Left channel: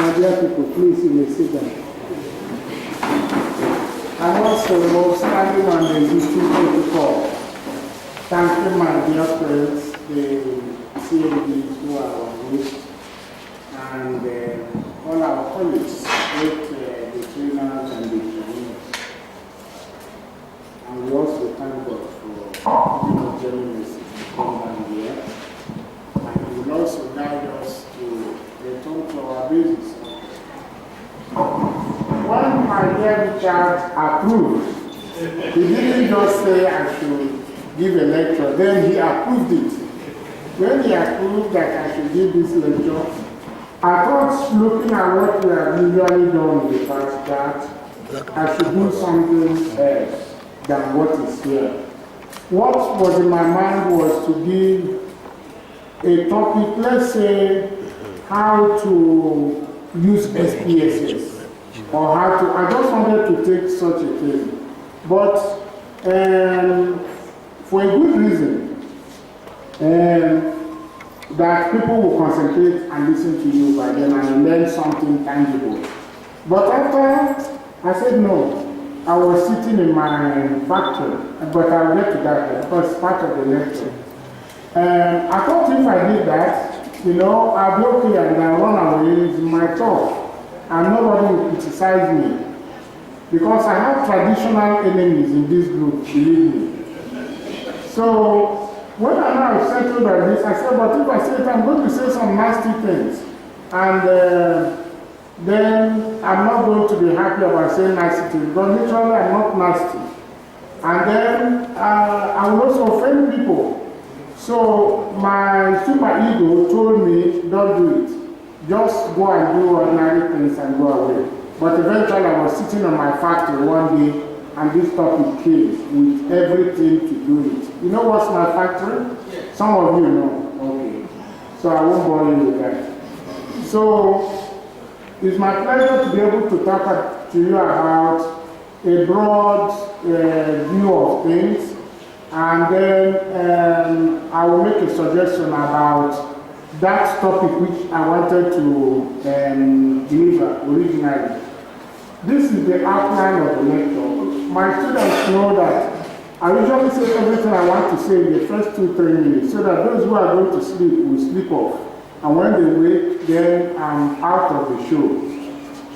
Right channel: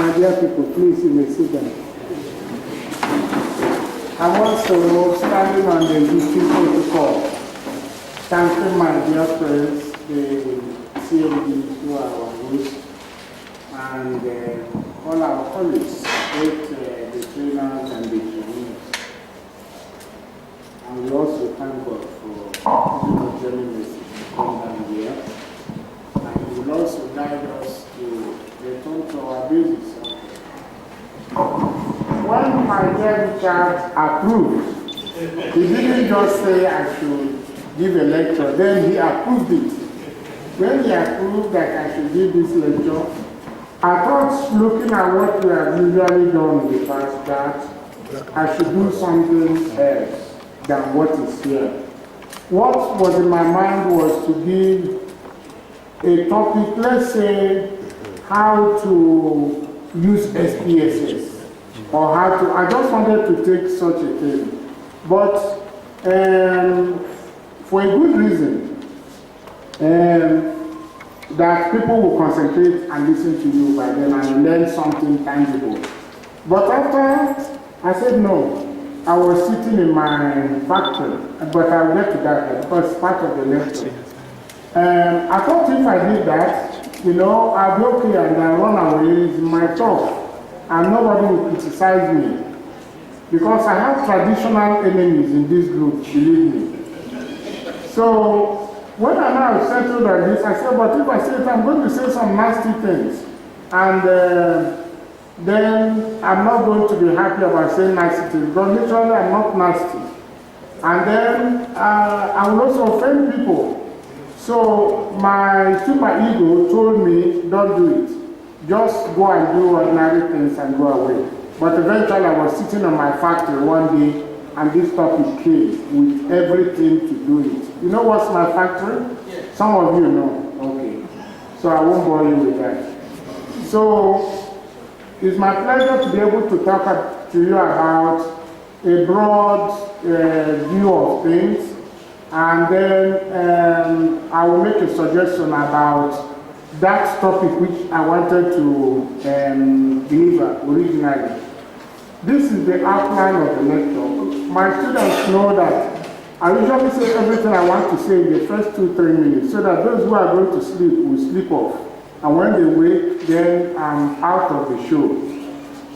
My dear people, please, you may sit down. I'm also standing on the YouTube protocol, thanking my dear friends, the CMDs who are our hosts, and all our colleagues, both the trainers and the trainees. And we also thank God for giving us journalists to come down here. And He will also guide us to return to our basis. When my dear Richard approved, he didn't just say I should give a lecture, then he approved it. When he approved that I should give this lecture, I thought, looking at what we have usually done in the past, that I should do something else than what is here. What was in my mind was to give a topic, let's say, how to use SPSS, or how to, I just wanted to take such a thing. But for a good reason, that people will concentrate and listen to you by then and learn something tangible. But after I said no, I was sitting in my factory, but I'll get to that because it's part of the lecture. I thought if I did that, you know, I'll be okay and then run away. It's my thought, and nobody will criticize me. Because I have traditional enemies in this group, believe me. So, when I now settled on this, I said, but if I say it, I'm going to say some nasty things. And then I'm not going to be happy about saying nasty things, because literally I'm not nasty. And then I will also offend people. So my super ego told me, don't do it. Just go and do ordinary things and go away. But eventually I was sitting on my factory one day, and this topic came with everything to do it. You know what's my factory? Yes. Some of you know. Okay. So I won't bore you with that. So it's my pleasure to be able to talk to you about a broad view of things. And then I will make a suggestion about that topic which I wanted to deliver originally. This is the outline of the lecture. My students know that I usually say everything I want to say in the first 2-3 minutes, so that those who are going to sleep will sleep off. And when they wake, then I'm out of the show.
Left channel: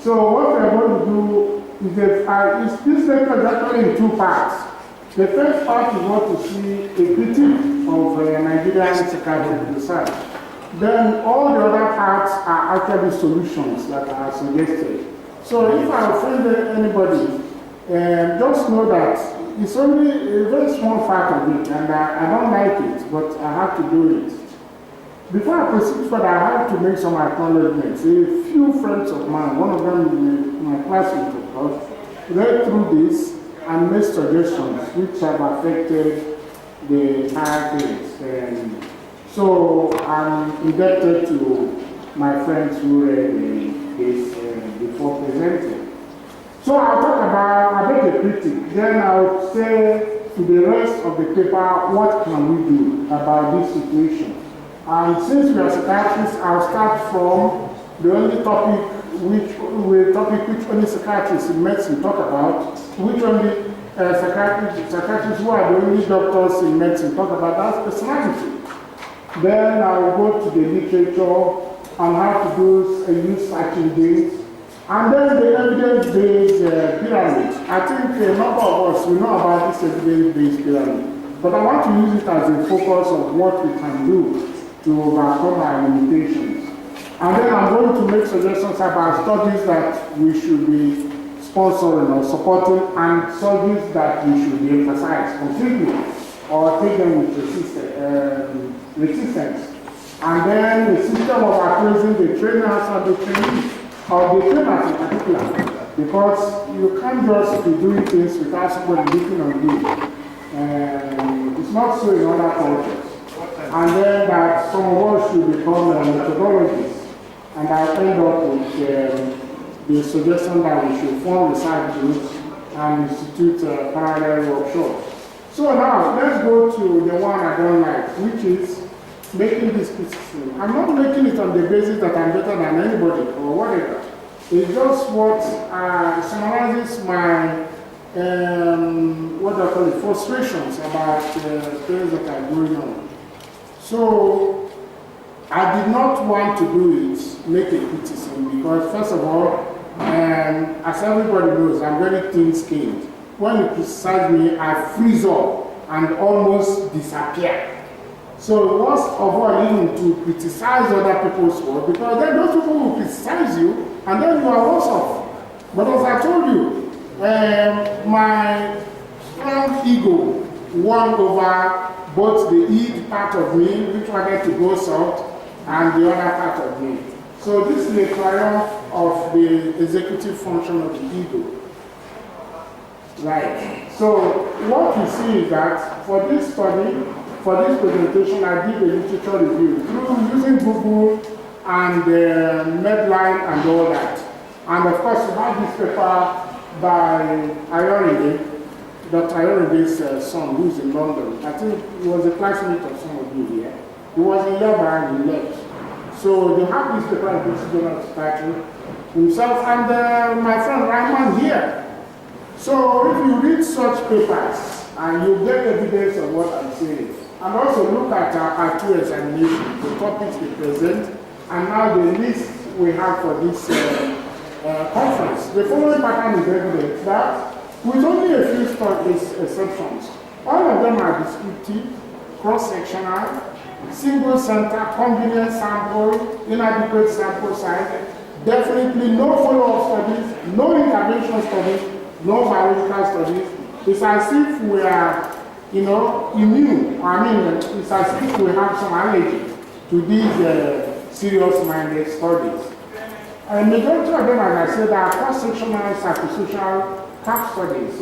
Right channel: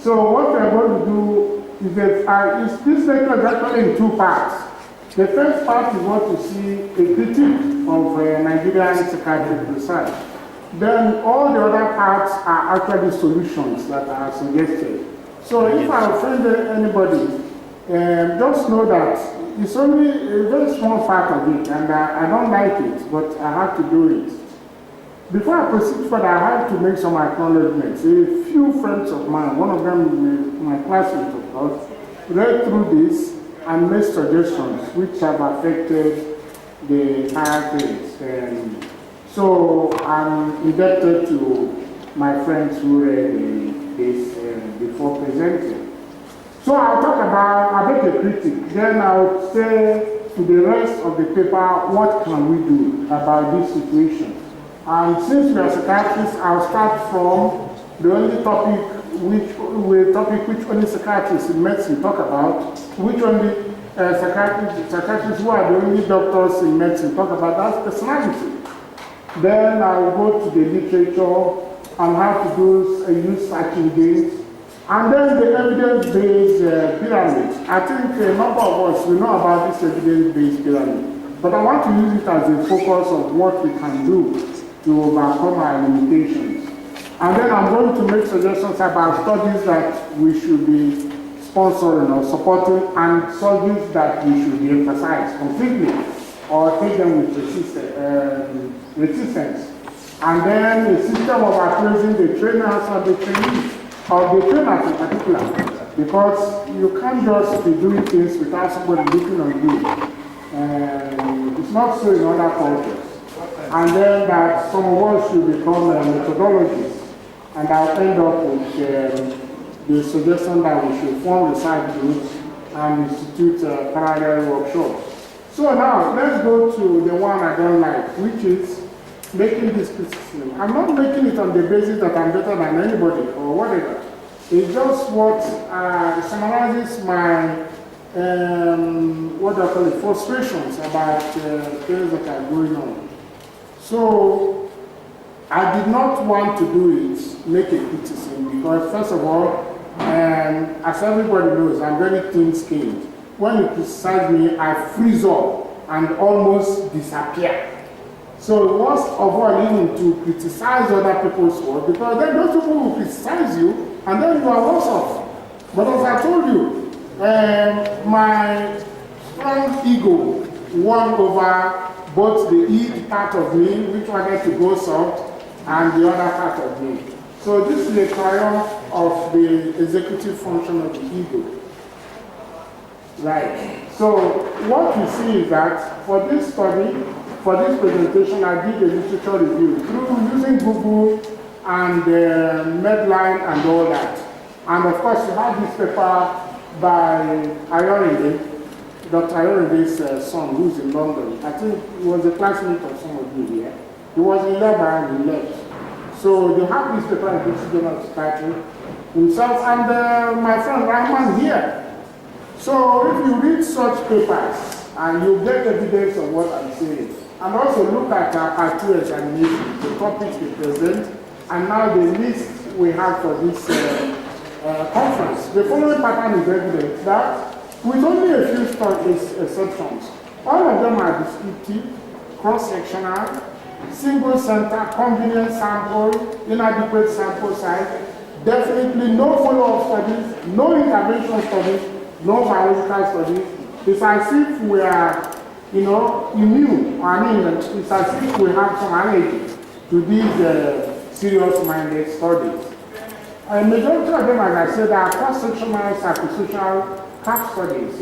So what we are going to do is that this lecture is actually in 2 parts. The first part is what you see, a critique of Nigerian psychiatric research. Then all the other parts are actually solutions that are suggested. So if I offend anybody, just know that it's only a very small part of it, and I don't like it, but I have to do it. Before I proceed further, I have to make some acknowledgements. A few friends of mine, one of them, my classmate of course, read through this and made suggestions which have affected the entire things. So I'm indebted to my friends who read this before presenting. So I'll talk about, I'll make a critique, then I'll say to the rest of the paper, what can we do about this situation? And since we are psychiatrists, I'll start from the only topic which only psychiatrists in medicine talk about, which only psychiatrists who are the only doctors in medicine talk about, that's personality. Then I'll go to the literature and how to use searching games. And then the evidence-based pyramid. I think a number of us will know about this evidence-based pyramid. But I want to use it as a focus of what we can do to overcome our limitations. And then I'm going to make suggestions about studies that we should be sponsoring or supporting, and studies that we should be emphasized completely or take them with resistance. And then the system of appraising the trainers and the trainees, or the trainers in particular, because you can't just be doing things without somebody looking on you. It's not so in other cultures. And then that some of us should become methodologists. And I'll end up with the suggestion that we should form research groups and institute parallel workshops. So now, let's go to the one I don't like, which is making this criticism. I'm not making it on the basis that I'm better than anybody or whatever. It's just what summarizes my, what do I call it, frustrations about things that are going on. So, I did not want to do it, make a criticism, because first of all, as everybody knows, I'm very thin-skinned. When you criticize me, I freeze up and almost disappear. So worst of all, even to criticize other people's work, because then those people will criticize you, and then you are worse off. But as I told you, my strong ego won over both the id part of me, which wanted to go soft, and the other part of me. So this is a triumph of the executive function of the ego. Right. So what we see is that for this study, for this presentation, I did a literature review through using Google and Medline and all that. And of course, we have this paper by Ohaeri, Dr. Ohaeri's son, who's in London. I think he was a classmate of some of you here. He was in Lebanon and he left. So they have this paper in British Journal of Psychiatry himself and my friend Rahman here. So if you read such papers and you get evidence of what I'm saying, and also look at our two examinations, the topics we present, and now the list we have for this conference, the following pattern is evident that with only a few exceptions, all of them are descriptive, cross-sectional, single center, convenient sample, inadequate sample size, definitely no follow-up studies, no intervention studies, no biological studies. It's as if we are, immune. I mean, it's as if we have some allergy to these serious-minded studies. A majority of them, as I said, are cross-sectional, psychosocial case studies,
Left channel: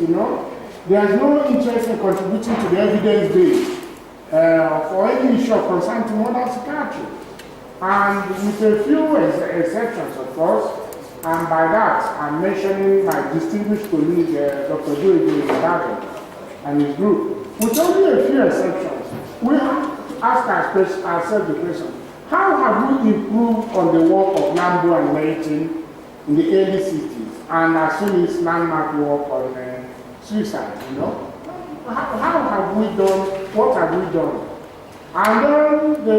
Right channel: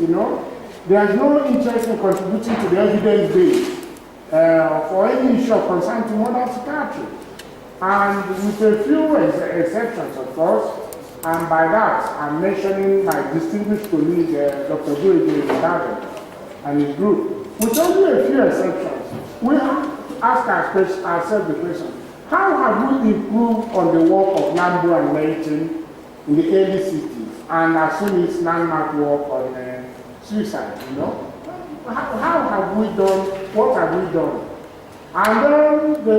There's no interest in contributing to the evidence base for any issue of concern to modern psychiatry. And with a few exceptions, of course, and by that, I'm mentioning my distinguished colleague, Dr. Jude Ohaeri, and his group. With only a few exceptions, we have to ask ourselves the question, how have we improved on the work of Lambo and Leighton in the early 60s, and as soon as landmark work on suicide, How have we done, what have we done? And then the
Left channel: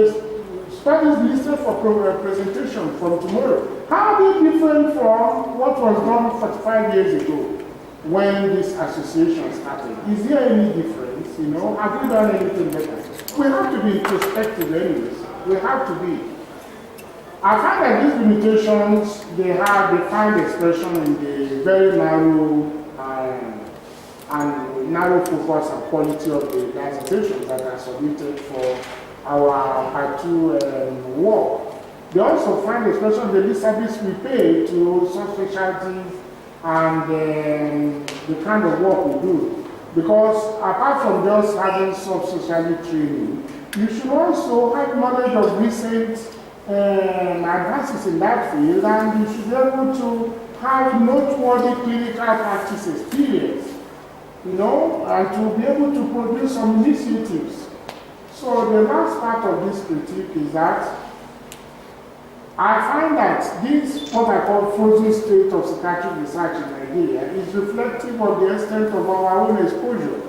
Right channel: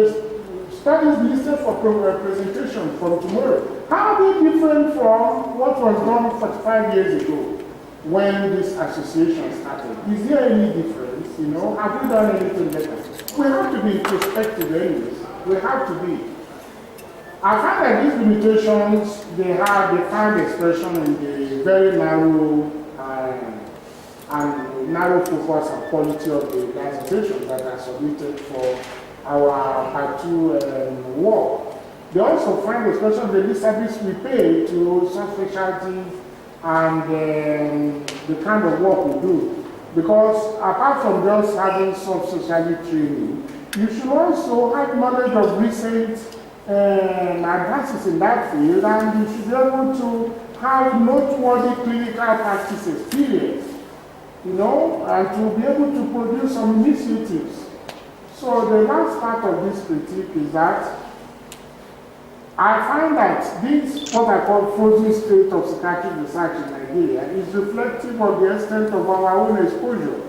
studies listed for presentation from tomorrow. How are they different from what was done 45 years ago when this association started? Is there any difference? Have we done anything better? We have to be introspective anyways. We have to be. I find that these limitations, they find expression in the very narrow and narrow focus and quality of the presentations that are submitted for our part 2 work. They also find expression in the service we pay to subspecialties and the kind of work we do. Because apart from just having subspecialty training, you should also have knowledge of recent advances in that field, and you should be able to have noteworthy clinical practice experience, and to be able to produce some initiatives. So the last part of this critique is that I find that this, what I call frozen state of psychiatric research in Nigeria, is reflective of the extent of our own exposure.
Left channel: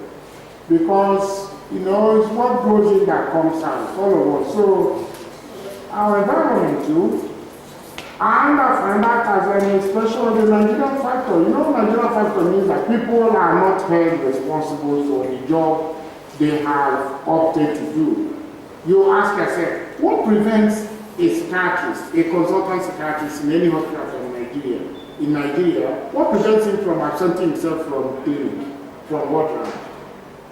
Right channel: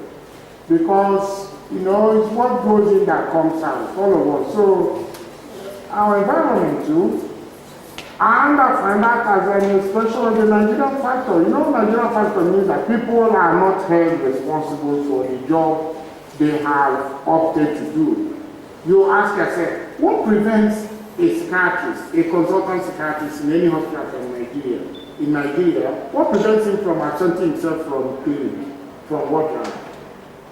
Because, it's what goes in that comes out, all of us. So, our environment too, and I find that as an expression of the Nigerian factor. Nigerian factor means that people are not held responsible for the job they have opted to do. You ask yourself, what prevents a psychiatrist, a consultant psychiatrist in any hospital in Nigeria, what prevents him from absenting himself from clinic, from work?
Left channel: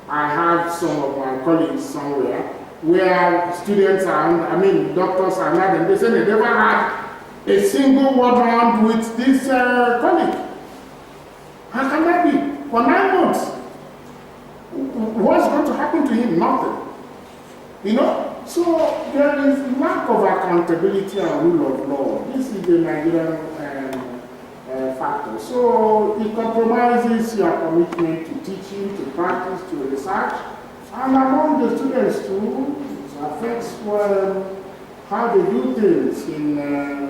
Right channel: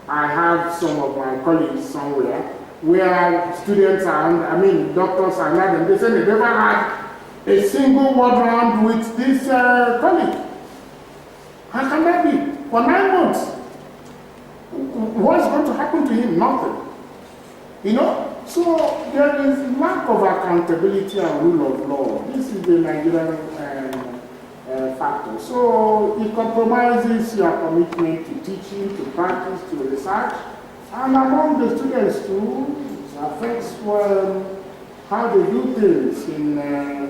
I have some of my colleagues somewhere where students doctors are not, and they say they never had a single word round with this colleague. How can that be? For 9 months. What's going to happen to him? Nothing. So there is lack of accountability and rule of law. This is the Nigerian factor. So it compromises your commitment to teaching, to practice, to research, and among the students too, affects how they do things in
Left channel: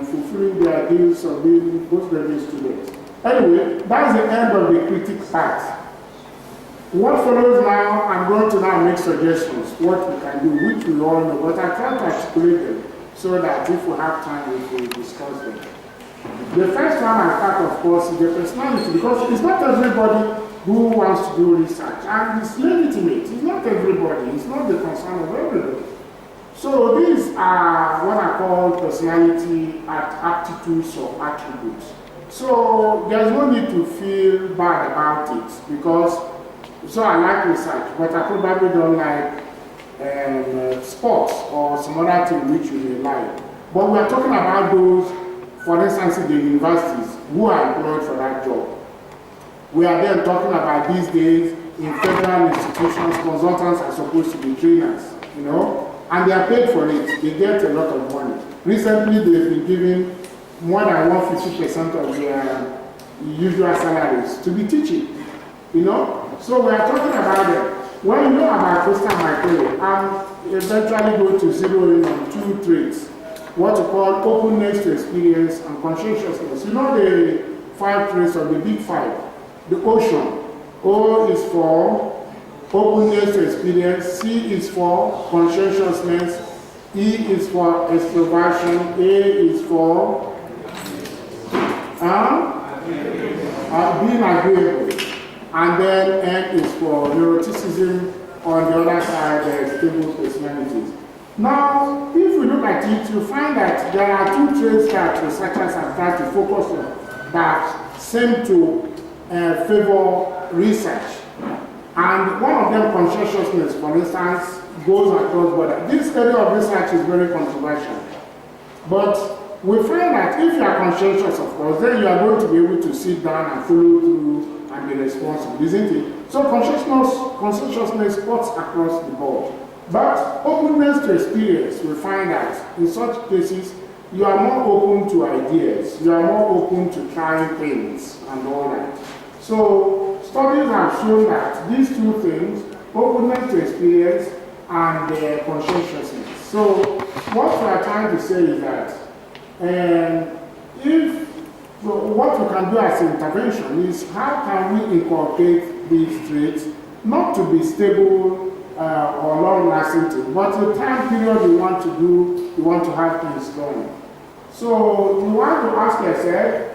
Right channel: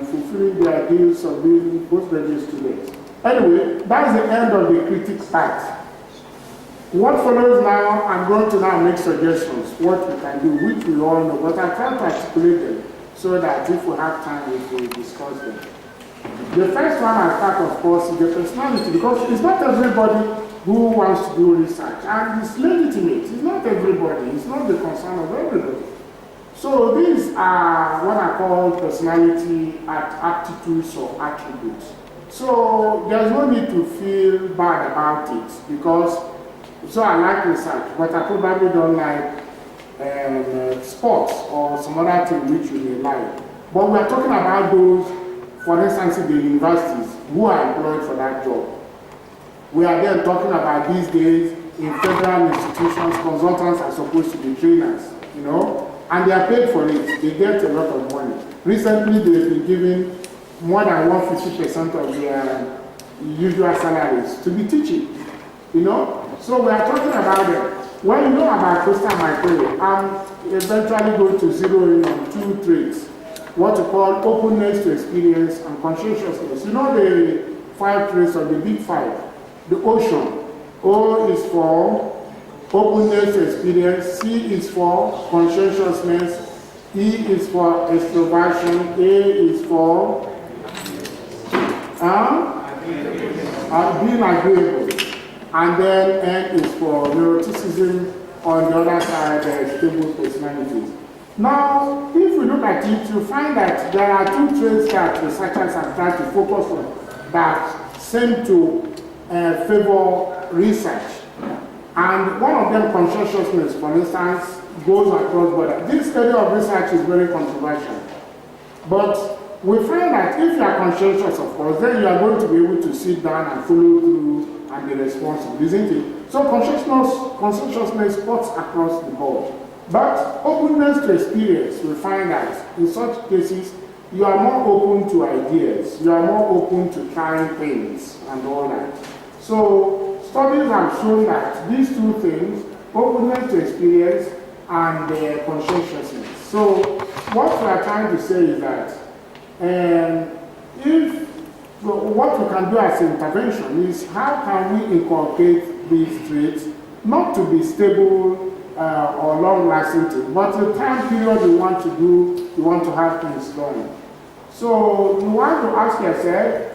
fulfilling their ideals of being postgraduate students. Anyway, that's the end of the critic part. What follows now, I'm going to now make suggestions, what we can do, which we all know, but I try to articulate them so that if we have time, we will discuss them. The first one I start, of course, is the personality, because it's not everybody who wants to do research, and it's legitimate. It's not everybody, it's not the concern of everybody. So these are what I call personality aptitudes or attributes. So there's no need to feel bad about it, because so I like research, but I probably don't like sports or some other thing which you may like. But we're talking about those, for instance, in the universities who are employed for that job. We are then talking about these days in federal institutions, consultants are supposed to be trainers, you know, and they are paid for it. They get a lot of money. Recently, they've been given more than 150% of their usual salaries to be teaching, you know. So we are talking about them. When you know about Christian Michael, I'm eventually going to zero in on two traits, what we call openness to experience and conscientiousness. You know the 5 traits of the big 5. The ocean. O is for openness to experience, C is for conscientiousness, E is for extroversion, A is for being agreeable, and then N is for neuroticism. On the other side, stable personalities. Now, if we look at it, you find that there are 2 traits that researchers have tried to focus on that seem to favor research. And one of them, conscientiousness, for instance, goes across borders. This area of research is very controversial. But we find that if you are conscientious, of course, then you are going to be able to sit down and follow through and be responsible, isn't it? So conscientiousness cuts across the board. But openness to experience, we find that in such cases, you are more open to ideas, you are more open to trying things and all that. So studies have shown that these 2 things, openness to experience and conscientiousness. So what we are trying to say is that what we can do as an intervention is how can we inculcate these traits, not to be stable or long-lasting things, but the time period you want to do, you want to have things done. So you want to ask yourself,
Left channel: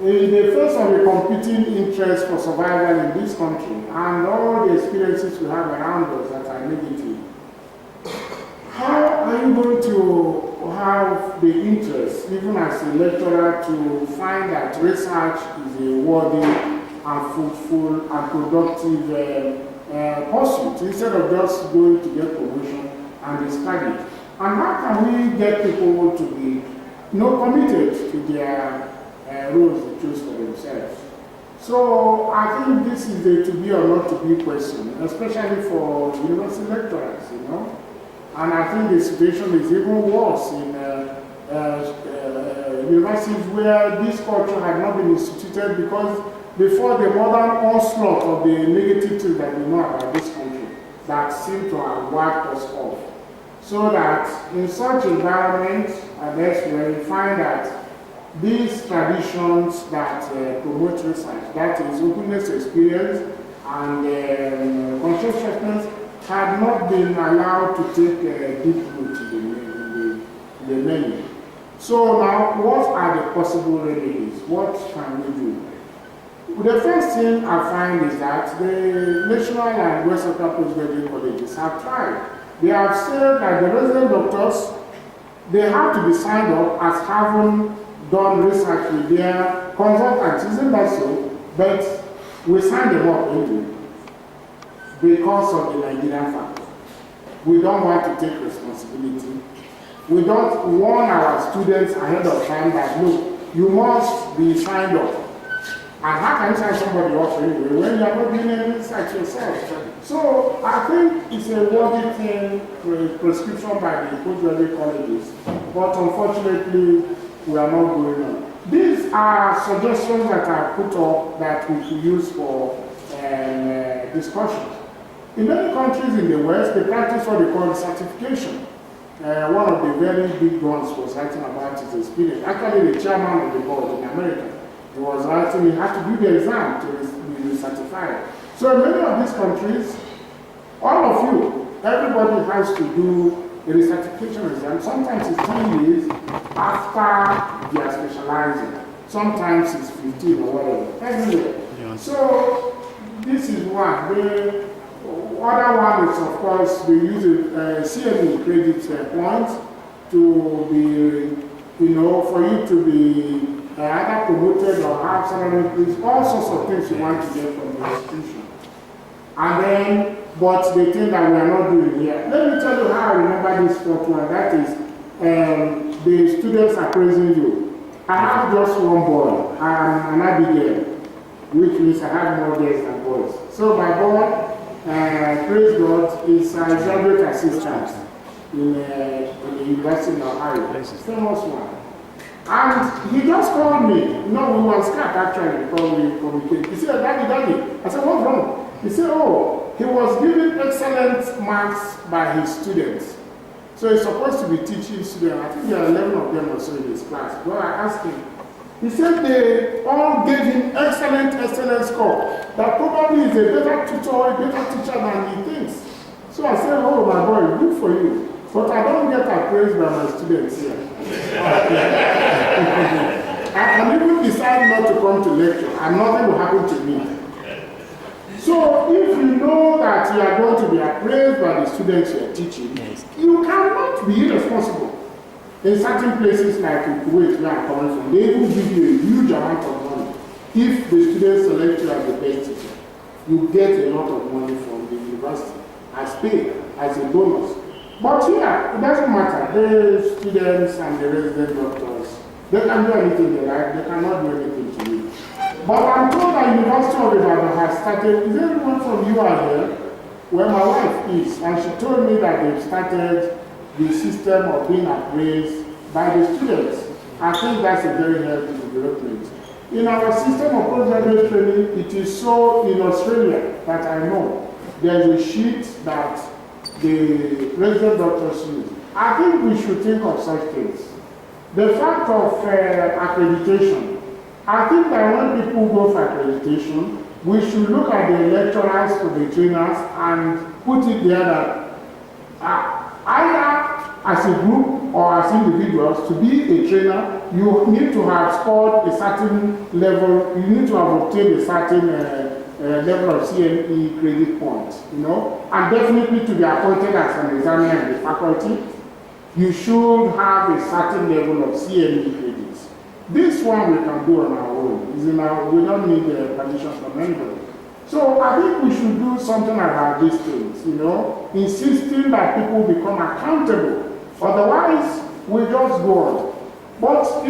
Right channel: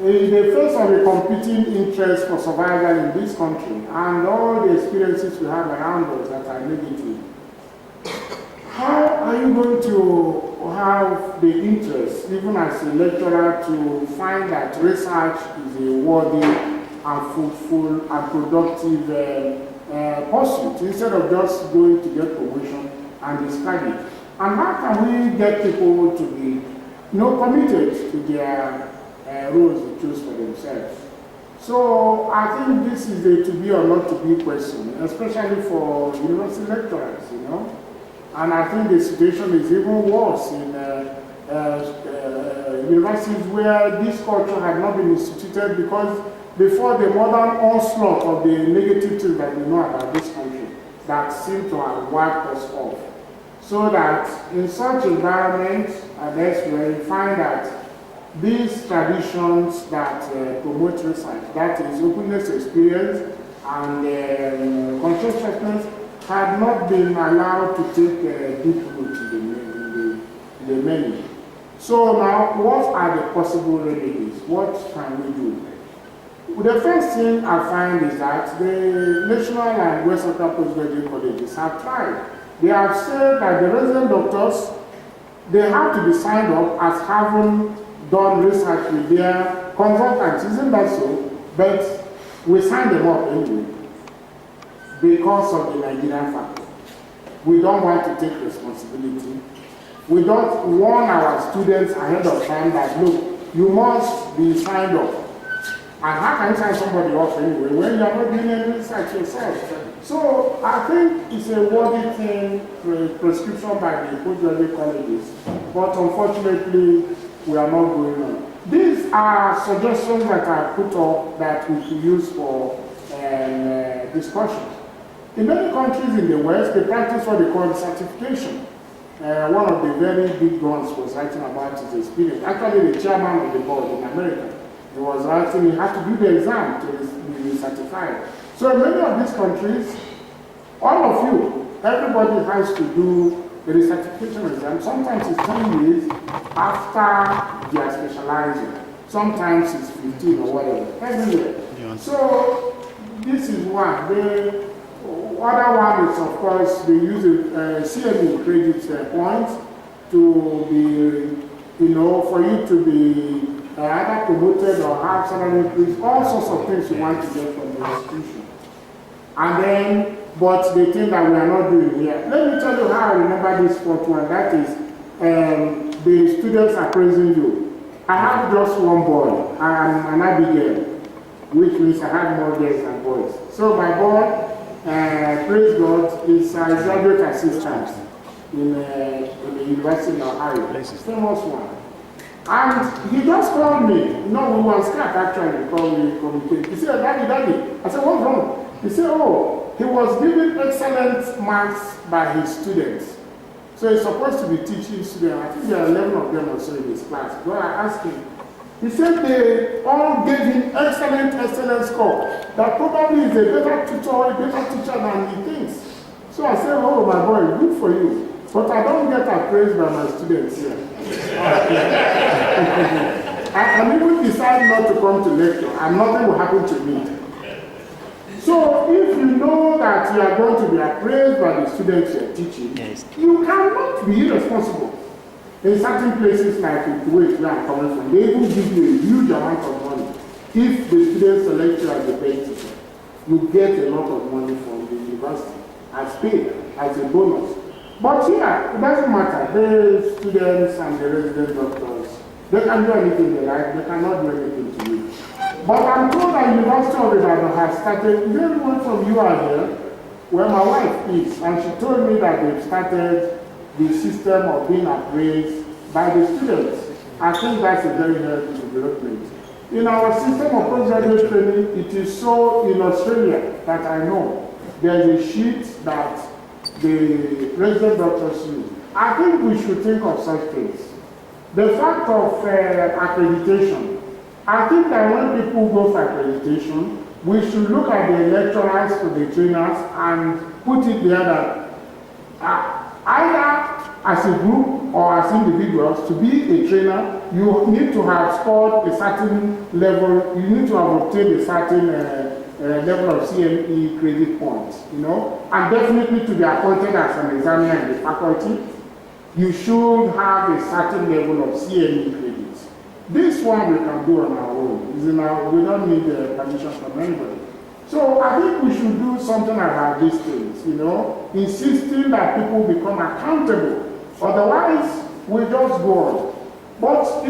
in the face of a competing interest for survival in this country and all the experiences we have around us that are negative, how are you going to have the interest, even as a lecturer, to find that research is a worthy and fruitful and productive pursuit, instead of just going to get promotion and discard it? And how can we get people to be committed to their roles they choose for themselves? So I think this is a to be or not to be question, especially for university lecturers, you know. And I think the situation is even worse in universities where this culture had not been instituted, because before the modern onslaught of the negative things that we know about this country that seem to have wiped us off. So that in such environments and elsewhere, you find that these traditions that promote research, that is openness to experience and conscientiousness, had not been allowed to take a deep root in the menu. So now, what are the possible remedies? What can we do? The first thing I find is that the national and West Africa postgraduate colleges have tried. They have said that the resident doctors, they have to be signed up as having done research with their consultants. Isn't that so? But we sign them up anyway because of the Nigerian factor. We don't want to take responsibility. We don't warn our students ahead of time that, look, you must be signed up. And how can you sign somebody up anyway when you are not doing any research yourself? So I think it's a worthy thing, prescription by the postgraduate colleges, but unfortunately we are not going on. These are suggestions that I put up that we could use for discussion. In many countries in the West, they practice what they call certification. One of the very big ones was writing about his experience. Actually, the chairman of the board in America, he was writing, he had to do the exam to be certified. So in many of these countries, all of you, everybody has to do a recertification exam. Sometimes it's 10 years after they are specializing. Sometimes it's 15 or whatever, everywhere. Yeah. So this is one. The other one is, of course, they use a CME credit points to be, for you to be either promoted or have salary increase, all sorts of things you want to get from the institution. And then, but the thing that we are not doing here. Let me tell you how I remember this fourth one. That is, the students are praising you. I have just one boy. I am an Abigail, which means I have more girls than boys. So my boy, praise God, is a graduate assistant in the University of Ohaeri, famous one. And he just called me. No, we were on Skype actually before we communicated. He said, Daddy. I said, what's wrong? He said, oh, he was given excellent marks by his students. So he's supposed to be teaching students. I think there are 11 of them or so in his class. But I asked him. He said they all gave him excellent score. That probably is a better tutor, a better teacher than he thinks. So I said, oh my boy, good for you. But I don't get appraised by my students here. I can even decide not to come to lecture and nothing will happen to me. So if you know that you are going to be appraised by the students you are teaching, yes, you cannot be irresponsible. In certain places like in Kuwait, where I'm coming from, they will give you a huge amount of money. If the students select you as the best teacher, you get a lot of money from the university as pay, as a bonus. But here, it doesn't matter. The students and the resident doctors, they can do anything they like, they cannot do anything to you. But I'm told that University of Ibadan has started, is there anyone from you are here, where my wife is, and she told me that they've started the system of being appraised by the students. I think that's a very healthy development. In our system of postgraduate training, it is so in Australia that I know there's a sheet that the resident doctors use. I think we should think of such things. The fact of accreditation, I think that when people go for accreditation, we should look at the lecturers to the trainers and put it there that either as a group or as individuals, to be a trainer, you need to have scored a certain level, you need to have obtained a certain level of CME credit points, and definitely to be appointed as an examiner in the faculty, you should have a certain level of CME credits. This one we can do on our own. We don't need permission from anybody. So I think we should do something about these things, insisting that people become accountable. Otherwise, we just go on. But,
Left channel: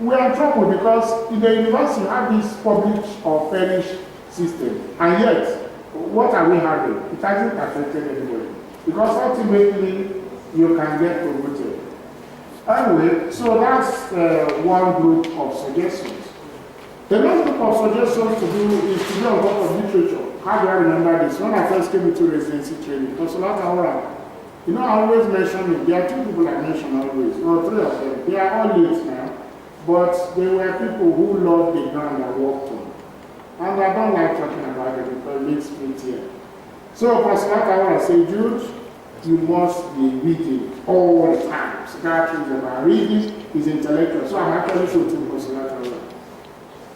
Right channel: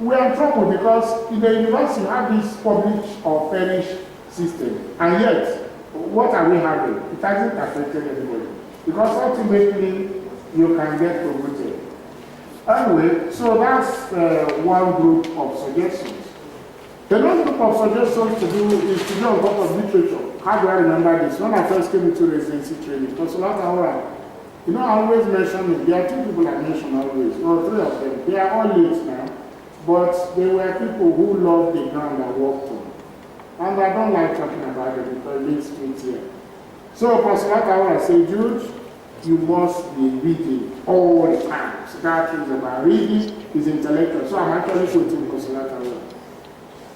we are in trouble because in the university you have this publish or perish system. And yet, what are we having? It hasn't affected anybody. Because ultimately, you can get promoted. Anyway, so that's one group of suggestions. The next group of suggestions to do is to do on top of literature. How do I remember this? When I first came into residency training, because I always mention it. There are two people I mention always, or three of them. They are all late now, but they were people who loved the ground I worked on. And I don't like talking about it because it makes me tear. So, Professor I say, Jude, you must be reading all the time. Psychiatry is about reading, is intellectual. So I'm actually quoting Professor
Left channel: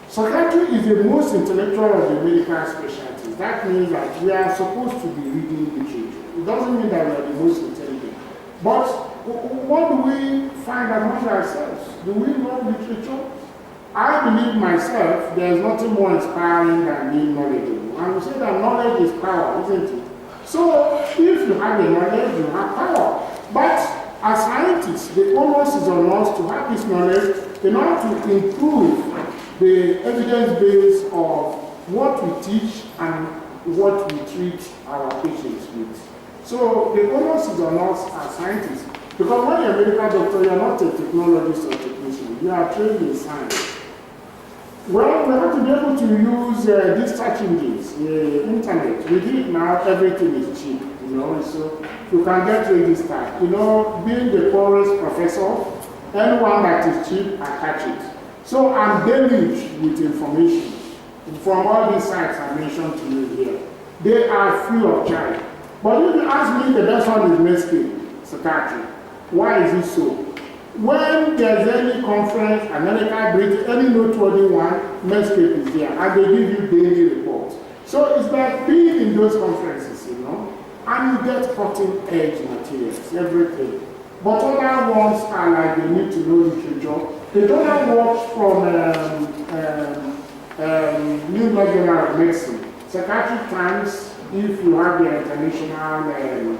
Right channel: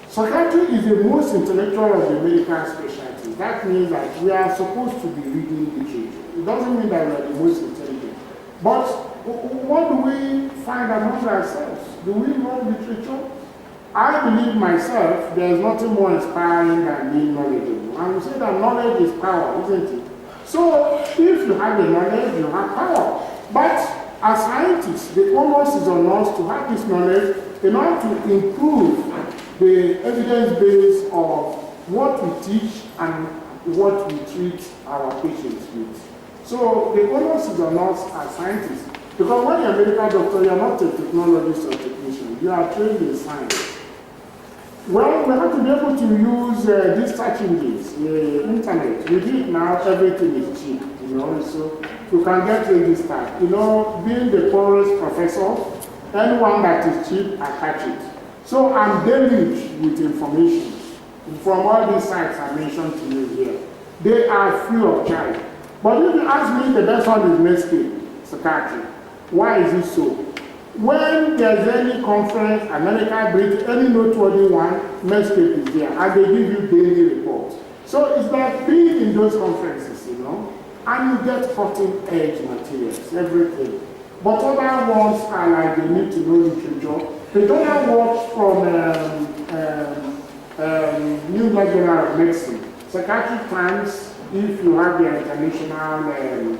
Psychiatry is the most intellectual of the medical specialties. That means that we are supposed to be reading literature. It doesn't mean that we are the most intelligent. But what do we find among ourselves? Do we know literature? I believe myself there is nothing more inspiring than being knowledgeable. And we say that knowledge is power, isn't it? So if you have the knowledge, you have power. But as scientists, the onus is on us to have this knowledge in order to improve the evidence base of what we teach and what we treat our patients with. So the onus is on us as scientists. Because when you're a medical doctor, you're not a technologist or technician. You are trained in science. Well, we have to be able to use these search engines, the internet. With it now, everything is cheap, so you can get registered. Being the poorest professor, anyone that is cheap, I catch it. So I'm deluged with information from all these sites I mentioned to you here. They are free of charge. But if you ask me, the best one is Npmcn, Psychiatry. Why is it so? When there's any conference, America, Britain, any noteworthy one, Npmcn is there, and they give you daily reports. So it's like being in those conferences, and you get cutting-edge materials, everything. But other ones are like they need to know literature. The journal works from New England Journal of Medicine, Psychiatric Times, if you have the international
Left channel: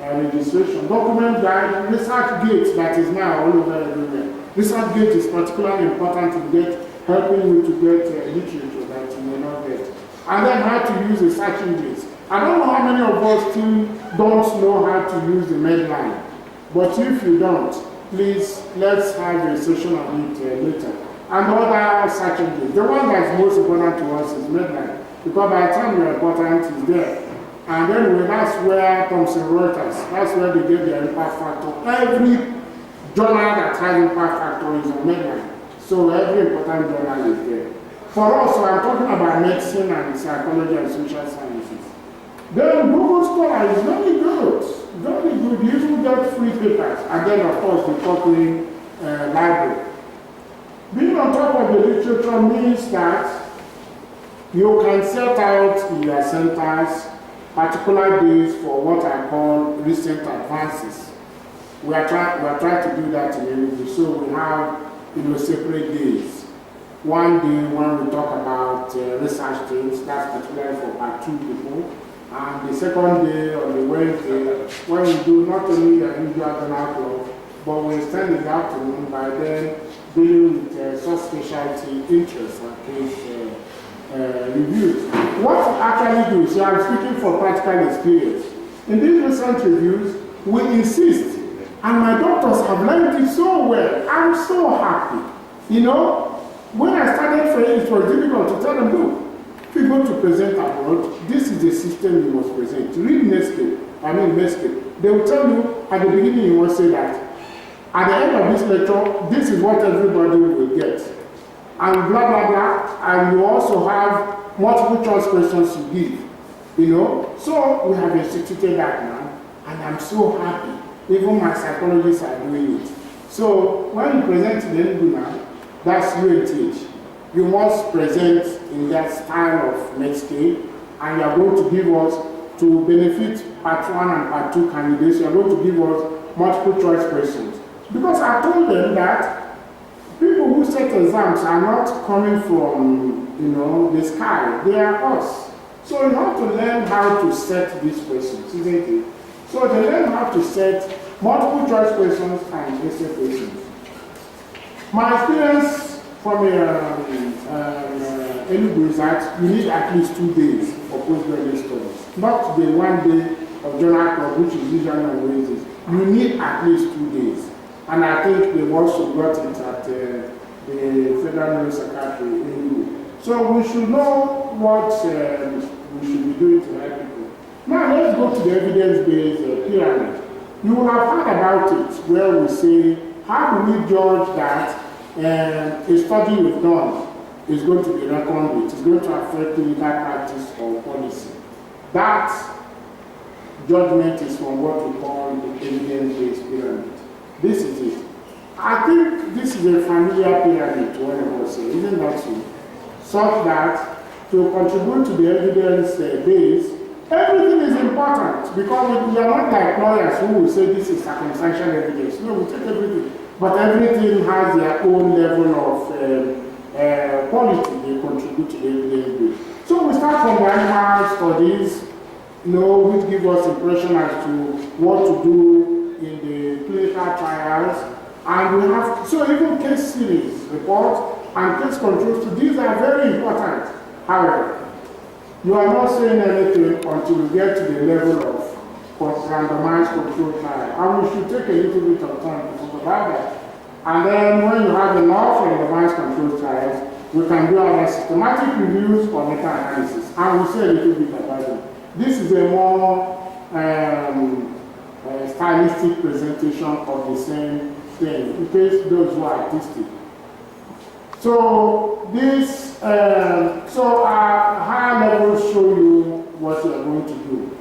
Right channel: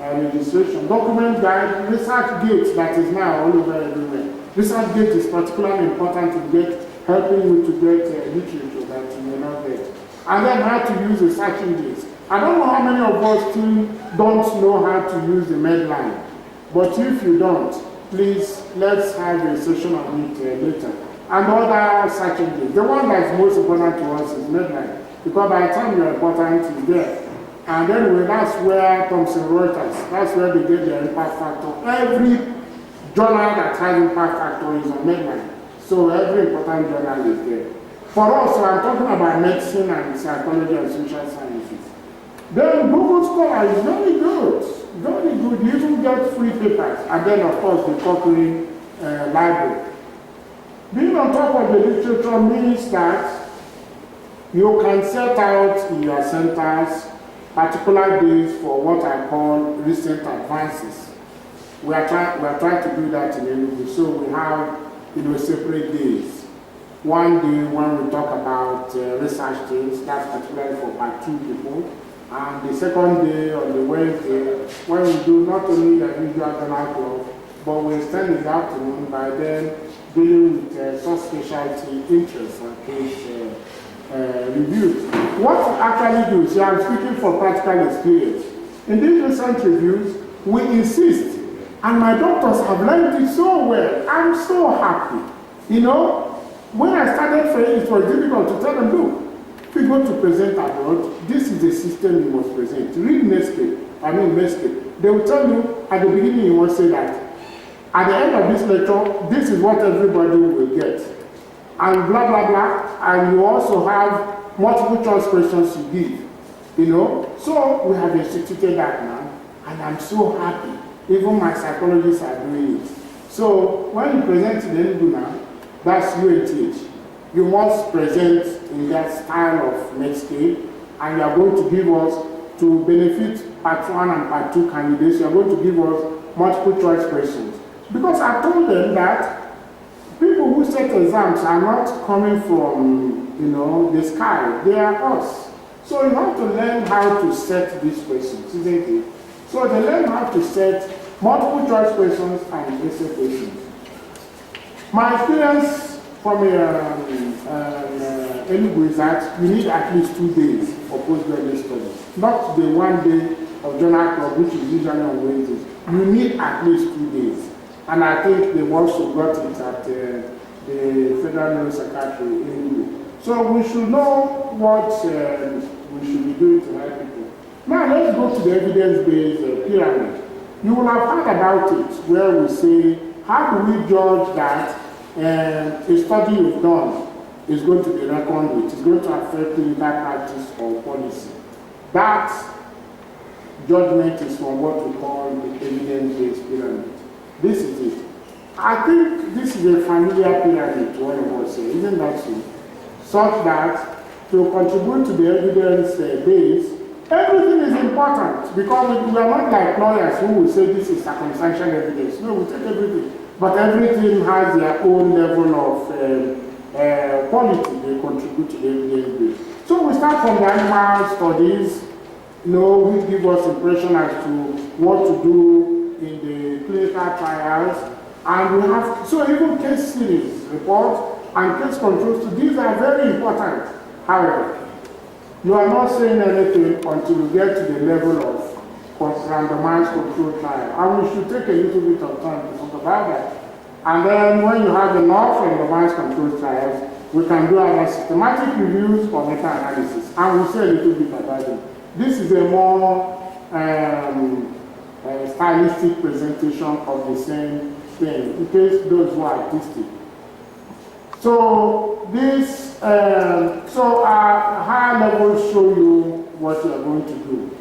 registration, document guide, research gate that is now all over everywhere. Research gate is particularly important to helping you to get literature that you may not get. And then how to use the search engines. I don't know how many of us still don't know how to use the Medline. But if you don't, please, let's have a session on it later. And other search engines. The one that's most important to us is Medline. Because by the time you're important, it's there. And anyway, that's where Thomson Reuters, that's where they get their impact factor. Every journal that has impact factor is on Medline. So every important journal is there. For us, so I'm talking about medicine and psychology and social sciences. Then Google Scholar is very good. Very good. You even get free papers. And then, of course, the Cochrane library. Being on top of the literature means that you can set out in your centers particular days for what I call recent advances. We are trying to do that in Enugu. So we have separate days. One day when we talk about research things, that's particularly for part 2 people. And the second day on the Wednesday, when we do not only the usual journal club, but we extend in the afternoon by then dealing with subspecialty interests and case reviews. What we actually do, so I'm speaking for practical experience. In these recent reviews, we insist, and my doctors have learned it so well. I'm so happy. When I started training, it was difficult to tell them, look, if you go to present abroad, this is the system you must present. Read Npmcn. They will tell you at the beginning, you must say that. At the end of this lecture, this is what everybody will get. And blah, blah, blah. And you also have multiple choice questions to give. So we have instituted that now. And I'm so happy. Even my psychologists are doing it. So when you present in Enugu now, that's UNTH. You must present in that style of Npmcn, and you are going to give us, to benefit part 1 and part 2 candidates, you are going to give us multiple choice questions. Because I told them that people who set exams are not coming from, the sky. They are us. So you have to learn how to set these questions, isn't it? So they learn how to set multiple choice questions and essay questions. My experience from Enugu is that you need at least 2 days for postgraduate studies. Not the 1 day of journal club, which is usually on Wednesdays. You need at least 2 days. And I think they've also got it at the Federal Psychiatry in Enugu. So we should know what we should be doing to help people. Now let's go to the evidence-based pyramid. You will have heard about it, where we say, how do we judge that a study you've done is going to be reckoned with, is going to affect clinical practice or policy? That judgment is from what we call the evidence-based pyramid. This is it. I think this is a familiar pyramid to all of us, isn't that so? Such that to contribute to the evidence base, everything is important, because we are not like lawyers who will say this is circumstantial evidence. No, we take everything. But everything has their own level of quality they contribute to the evidence base. So we start from the animal studies, which give us impression as to what to do in the clinical trials. And we have, so even case series reports and case controls, so these are very important. However, you are not saying anything until you get to the level of randomized control trial. And we should take a little bit of time to talk about that. And then when you have enough randomized control trials, We can do our systematic reviews or meta-analysis, and we'll say a little bit about them. This is a more stylistic presentation of the same thing, in case those who are artistic. So this, so our higher levels show you what you are going to do.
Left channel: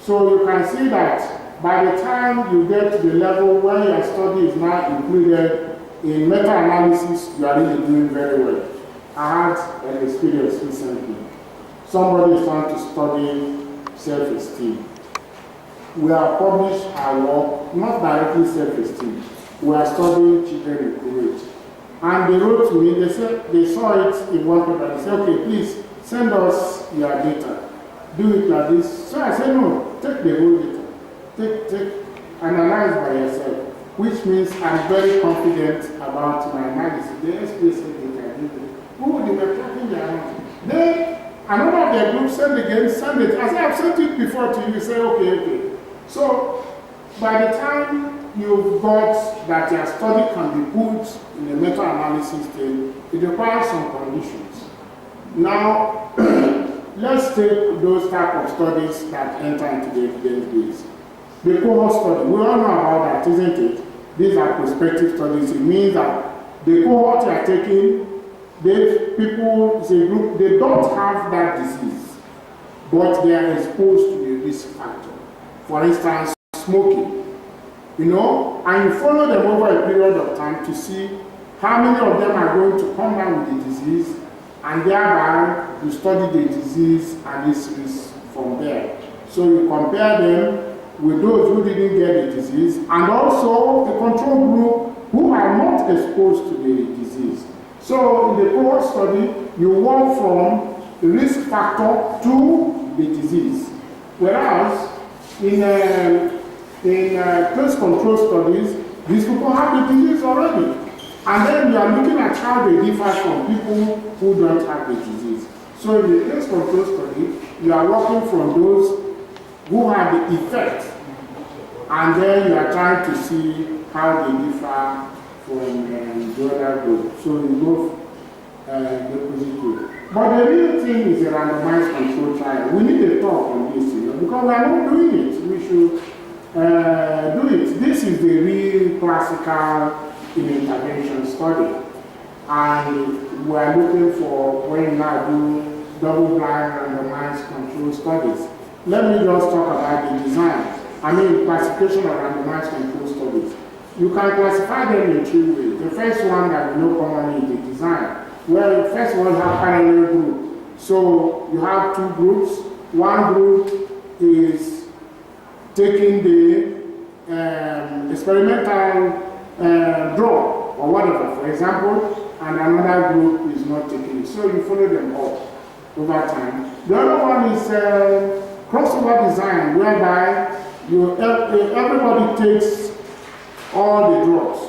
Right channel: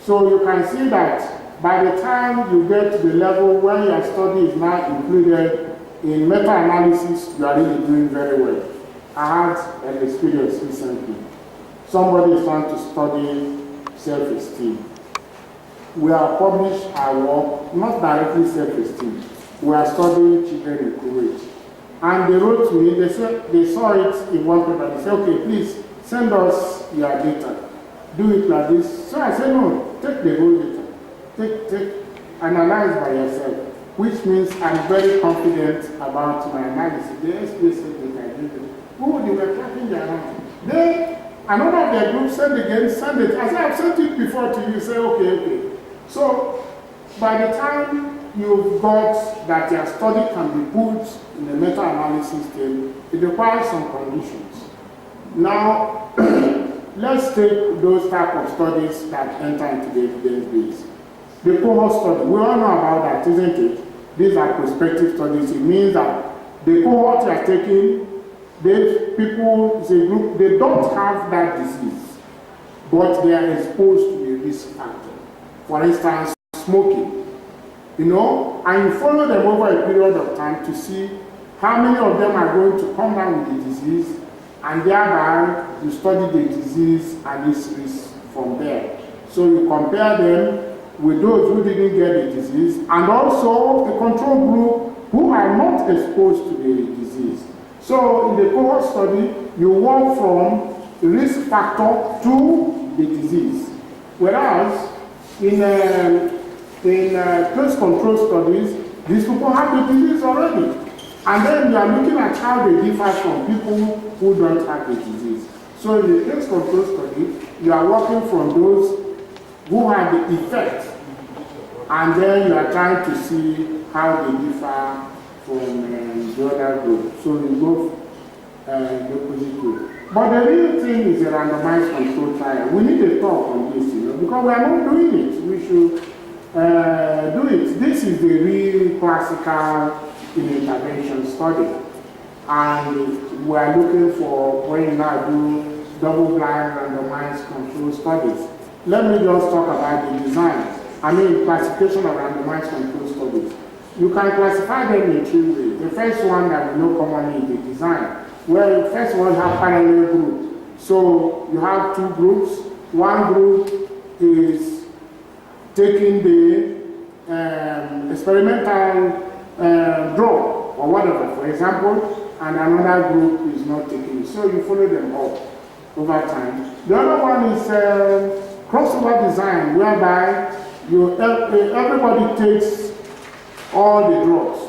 So you can see that by the time you get to the level where your study is now included in meta-analysis, you are really doing very well. I had an experience recently. Somebody is trying to study self-esteem. We have published our work, not directly self-esteem. We are studying children in Kuwait. And they wrote to me, they said they saw it in one paper. They said, okay, please send us your data. Do it like this. So I said, no, take the whole data. Analyze by yourself, which means I'm very confident about my analysis. The SPS said they can do it. Oh, they were clapping their hands. Another of their group said again, send it. I said, I've sent it before to you. You say, okay. So by the time you've got that your study can be put in a meta-analysis thing, it requires some conditions. Now, let's take those type of studies that enter into the evidence base. The cohort study, we all know about that, isn't it? These are prospective studies. It means that the cohort you are taking, these people, it's a group, they don't have that disease, but they are exposed to the risk factor. For instance, smoking. You know, and you follow them over a period of time to see how many of them are going to come down with the disease, and thereby you study the disease and its risk from there. So you compare them with those who didn't get the disease, and also the control group who are not exposed to the disease. So in the cohort study, you work from the risk factor to the disease. Whereas in case control studies, these people have the disease already. And then you are looking at how they differ from people who don't have the disease. So in the case control study, you are working from those who have the effect, and then you are trying to see how they differ from the other group. So you go the opposite way. But the real thing is a randomized control trial. We need a talk on this, because we are not doing it. We should do it. This is the real classical intervention study. And we are looking for when you now do double-blind randomized control studies. Let me just talk about the design. Classification of randomized control studies. You can classify them in two ways. The first one that we know commonly is the design, where first one have parallel group. So you have two groups. One group is taking the experimental drug or whatever, for example, and another group is not taking it. So you follow them up over time. The other one is crossover design, whereby everybody takes all the drugs,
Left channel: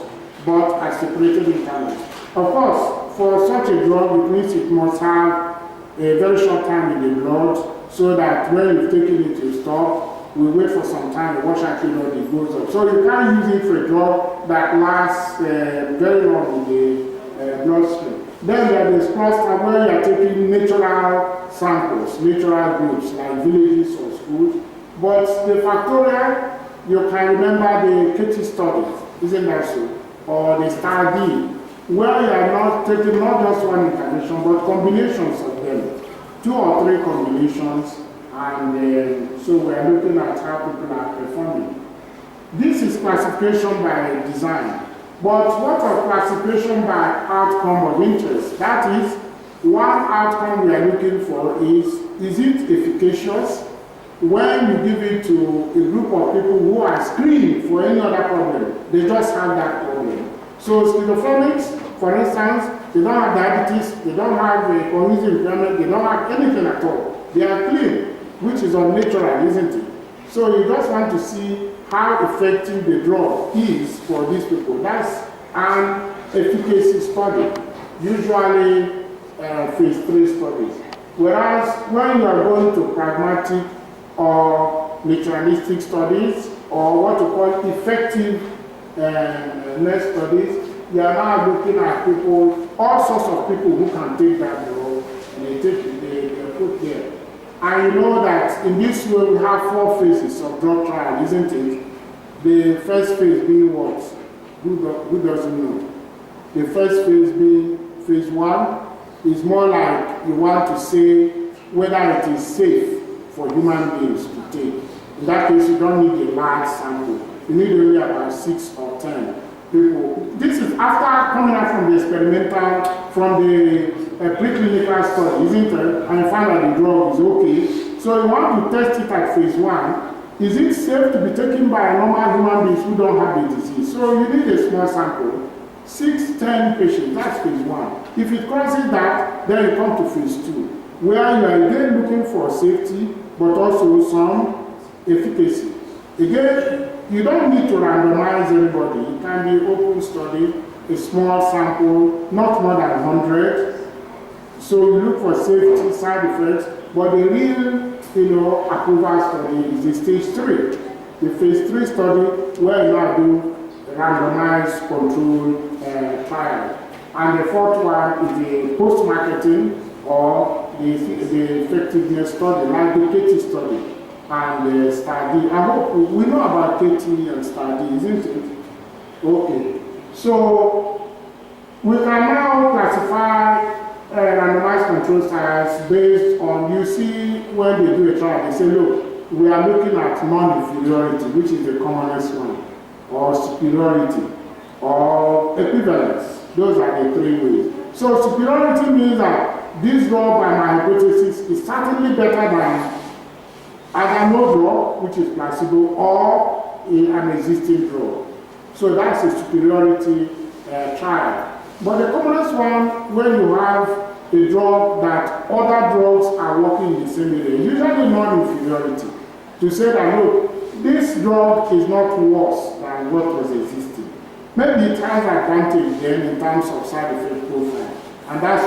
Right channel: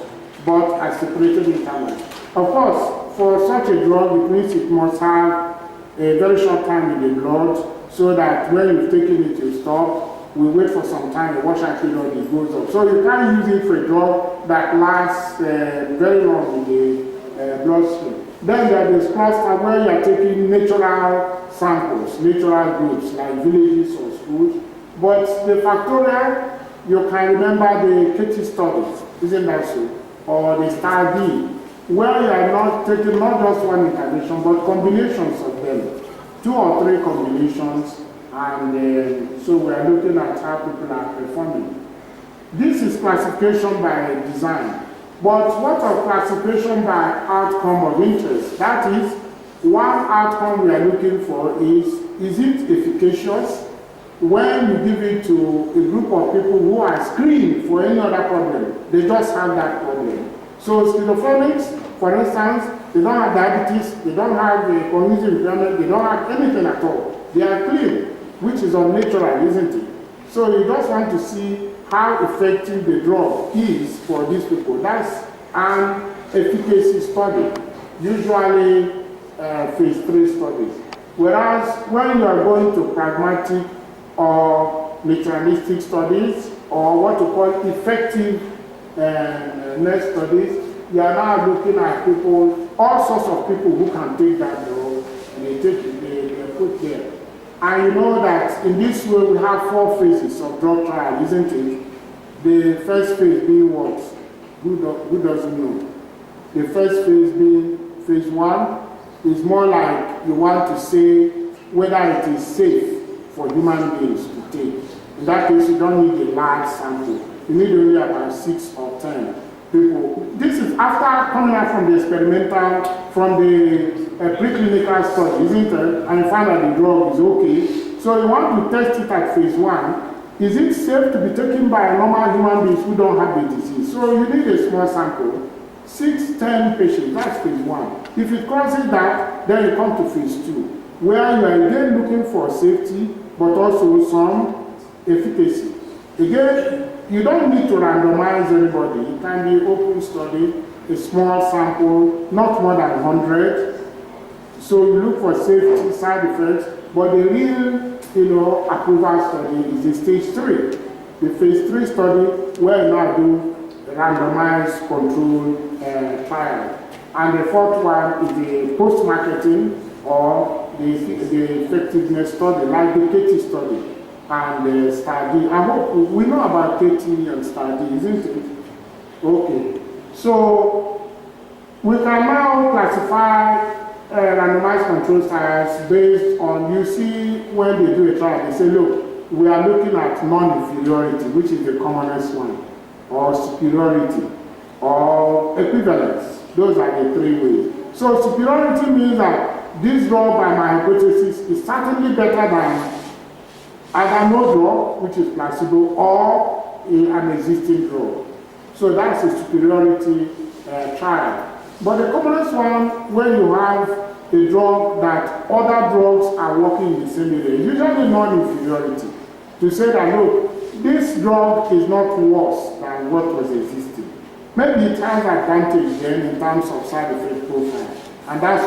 but are separated intervals. Of course, for such a drug, it means it must have a very short time in the blood, so that when you've taken it to stop, we wait for some time, the washer period, it goes up. So you can't use it for a drug that lasts very long in the bloodstream. Then there is cluster where you are taking natural samples, natural groups, like villages or schools. But the factorial, you can remember the KT studies, isn't that so? Or the STAR D, where you are not taking not just one intervention, but combinations of them, 2 or 3 combinations, and so we are looking at how people are performing. This is classification by design. But what of classification by outcome of interest? That is, one outcome we are looking for is it efficacious when you give it to a group of people who are screened for any other problem? They just have that problem. So schizophrenics, for instance, they don't have diabetes, they don't have a cognitive impairment, they don't have anything at all. They are clean, which is unnatural, isn't it? So you just want to see how effective the drug is for these people. That's an efficacy study, usually phase 3 studies. Whereas when you are going to pragmatic or naturalistic studies, or what you call effective studies, you are now looking at people, all sorts of people who can take that drug, and they put there. And you know that in this way we have 4 phases of drug trial, isn't it? The first phase being what? Who doesn't know? The first phase being phase 1 is more like you want to say whether it is safe for human beings to take. In that case, you don't need a large sample. You need only about 6 or 10 people. This is after coming out from the experimental, from the preclinical study, isn't it? And you find that the drug is okay. So you want to test it at phase 1. Is it safe to be taken by normal human beings who don't have the disease? So you need a small sample, 6, 10 patients, that's phase 1. If it crosses that, then you come to phase 2, where you are again looking for safety, but also some efficacy. Again, you don't need to randomize anybody. It can be open study, a small sample, not more than 100. So you look for safety, side effects, but the real, approval study is the stage 3. The phase 3 study where you now do randomized control trial. And the 4th one is the post-marketing or the effectiveness study, like the KT study and the study. I hope we know about KT and study, isn't it? Okay. So we can now classify randomized control trials based on, you see, when they do a trial, they say, look, we are looking at non-inferiority, which is the commonest one, or superiority, or equivalence. Those are the 3 ways. So superiority means that this drug, by my hypothesis, is certainly better than either no drug, which is placebo, or an existing drug. So that's a superiority trial. But the commonest one, when you have a drug that other drugs are working in the same area, usually non-inferiority, to say that, look, this drug is not worse than what was existing. Maybe it has advantage then in terms of side effect profile. And that's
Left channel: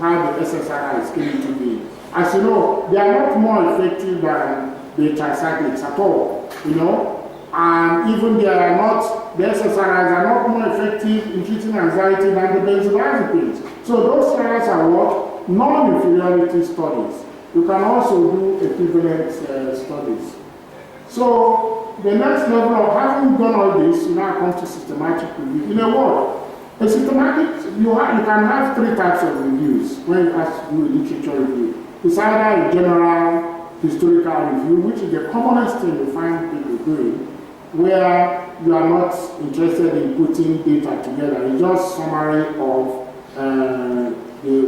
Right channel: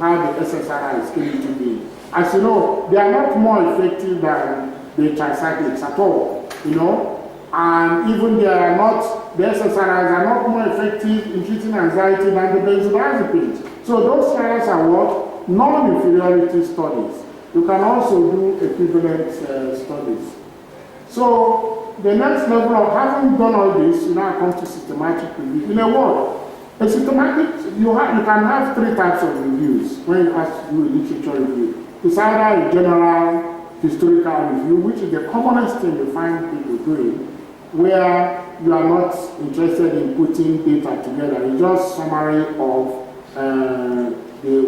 how the SSRI is going to be. As you know, they are not more effective than the tricyclics at all, and even the SSRIs are not more effective in treating anxiety than the benzodiazepines. So those trials are what? Non-inferiority studies. You can also do equivalent studies. So the next level of having done all this, you now come to systematic review. In a word, a systematic, you can have 3 types of reviews when you have to do a literature review. It's either a general historical review, which is the commonest thing you find people doing, where you are not interested in putting data together. It's just summary of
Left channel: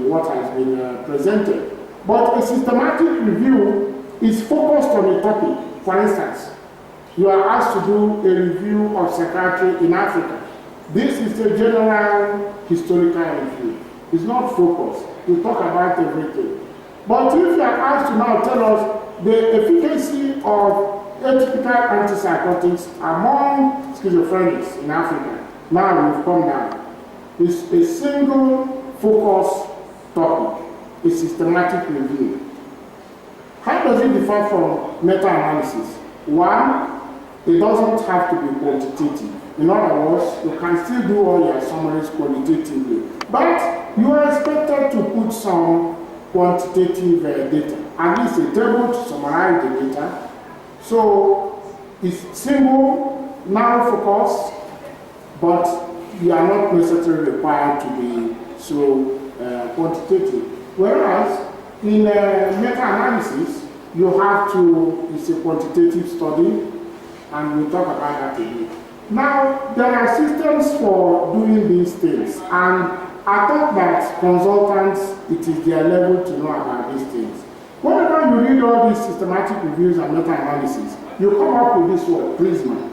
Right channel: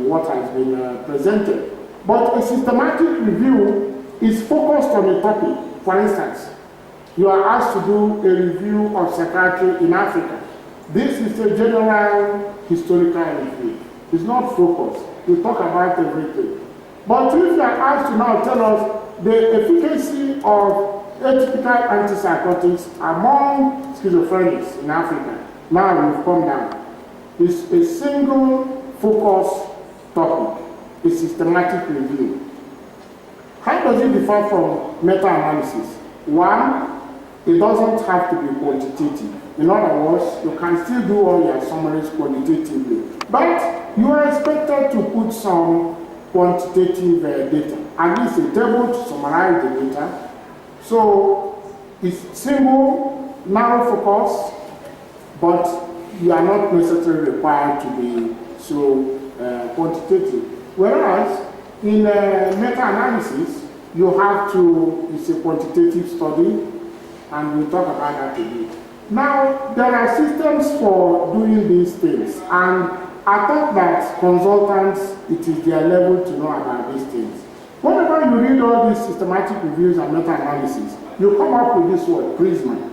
what has been presented. But a systematic review is focused on a topic. For instance, you are asked to do a review of psychiatry in Africa. This is a general historical review. It's not focused. You talk about everything. But if you are asked to now tell us the efficacy of atypical antipsychotics among schizophrenics in Africa, now we've come down. It's a single focus topic, a systematic review. How does it differ from meta-analysis? One, it doesn't have to be quantitative. In other words, you can still do all your summaries qualitatively. But you are expected to put some quantitative data, at least a table to summarize the data. So it's single, narrow focus, but you are not necessarily required to be so quantitative. Whereas in meta-analysis, you have to, it's a quantitative study, and we'll talk about that today. Now, there are systems for doing these things, and I thought that consultants, it is their level to know about these things. Whenever you read all these systematic reviews and meta-analysis, you come up with this word, Prisma.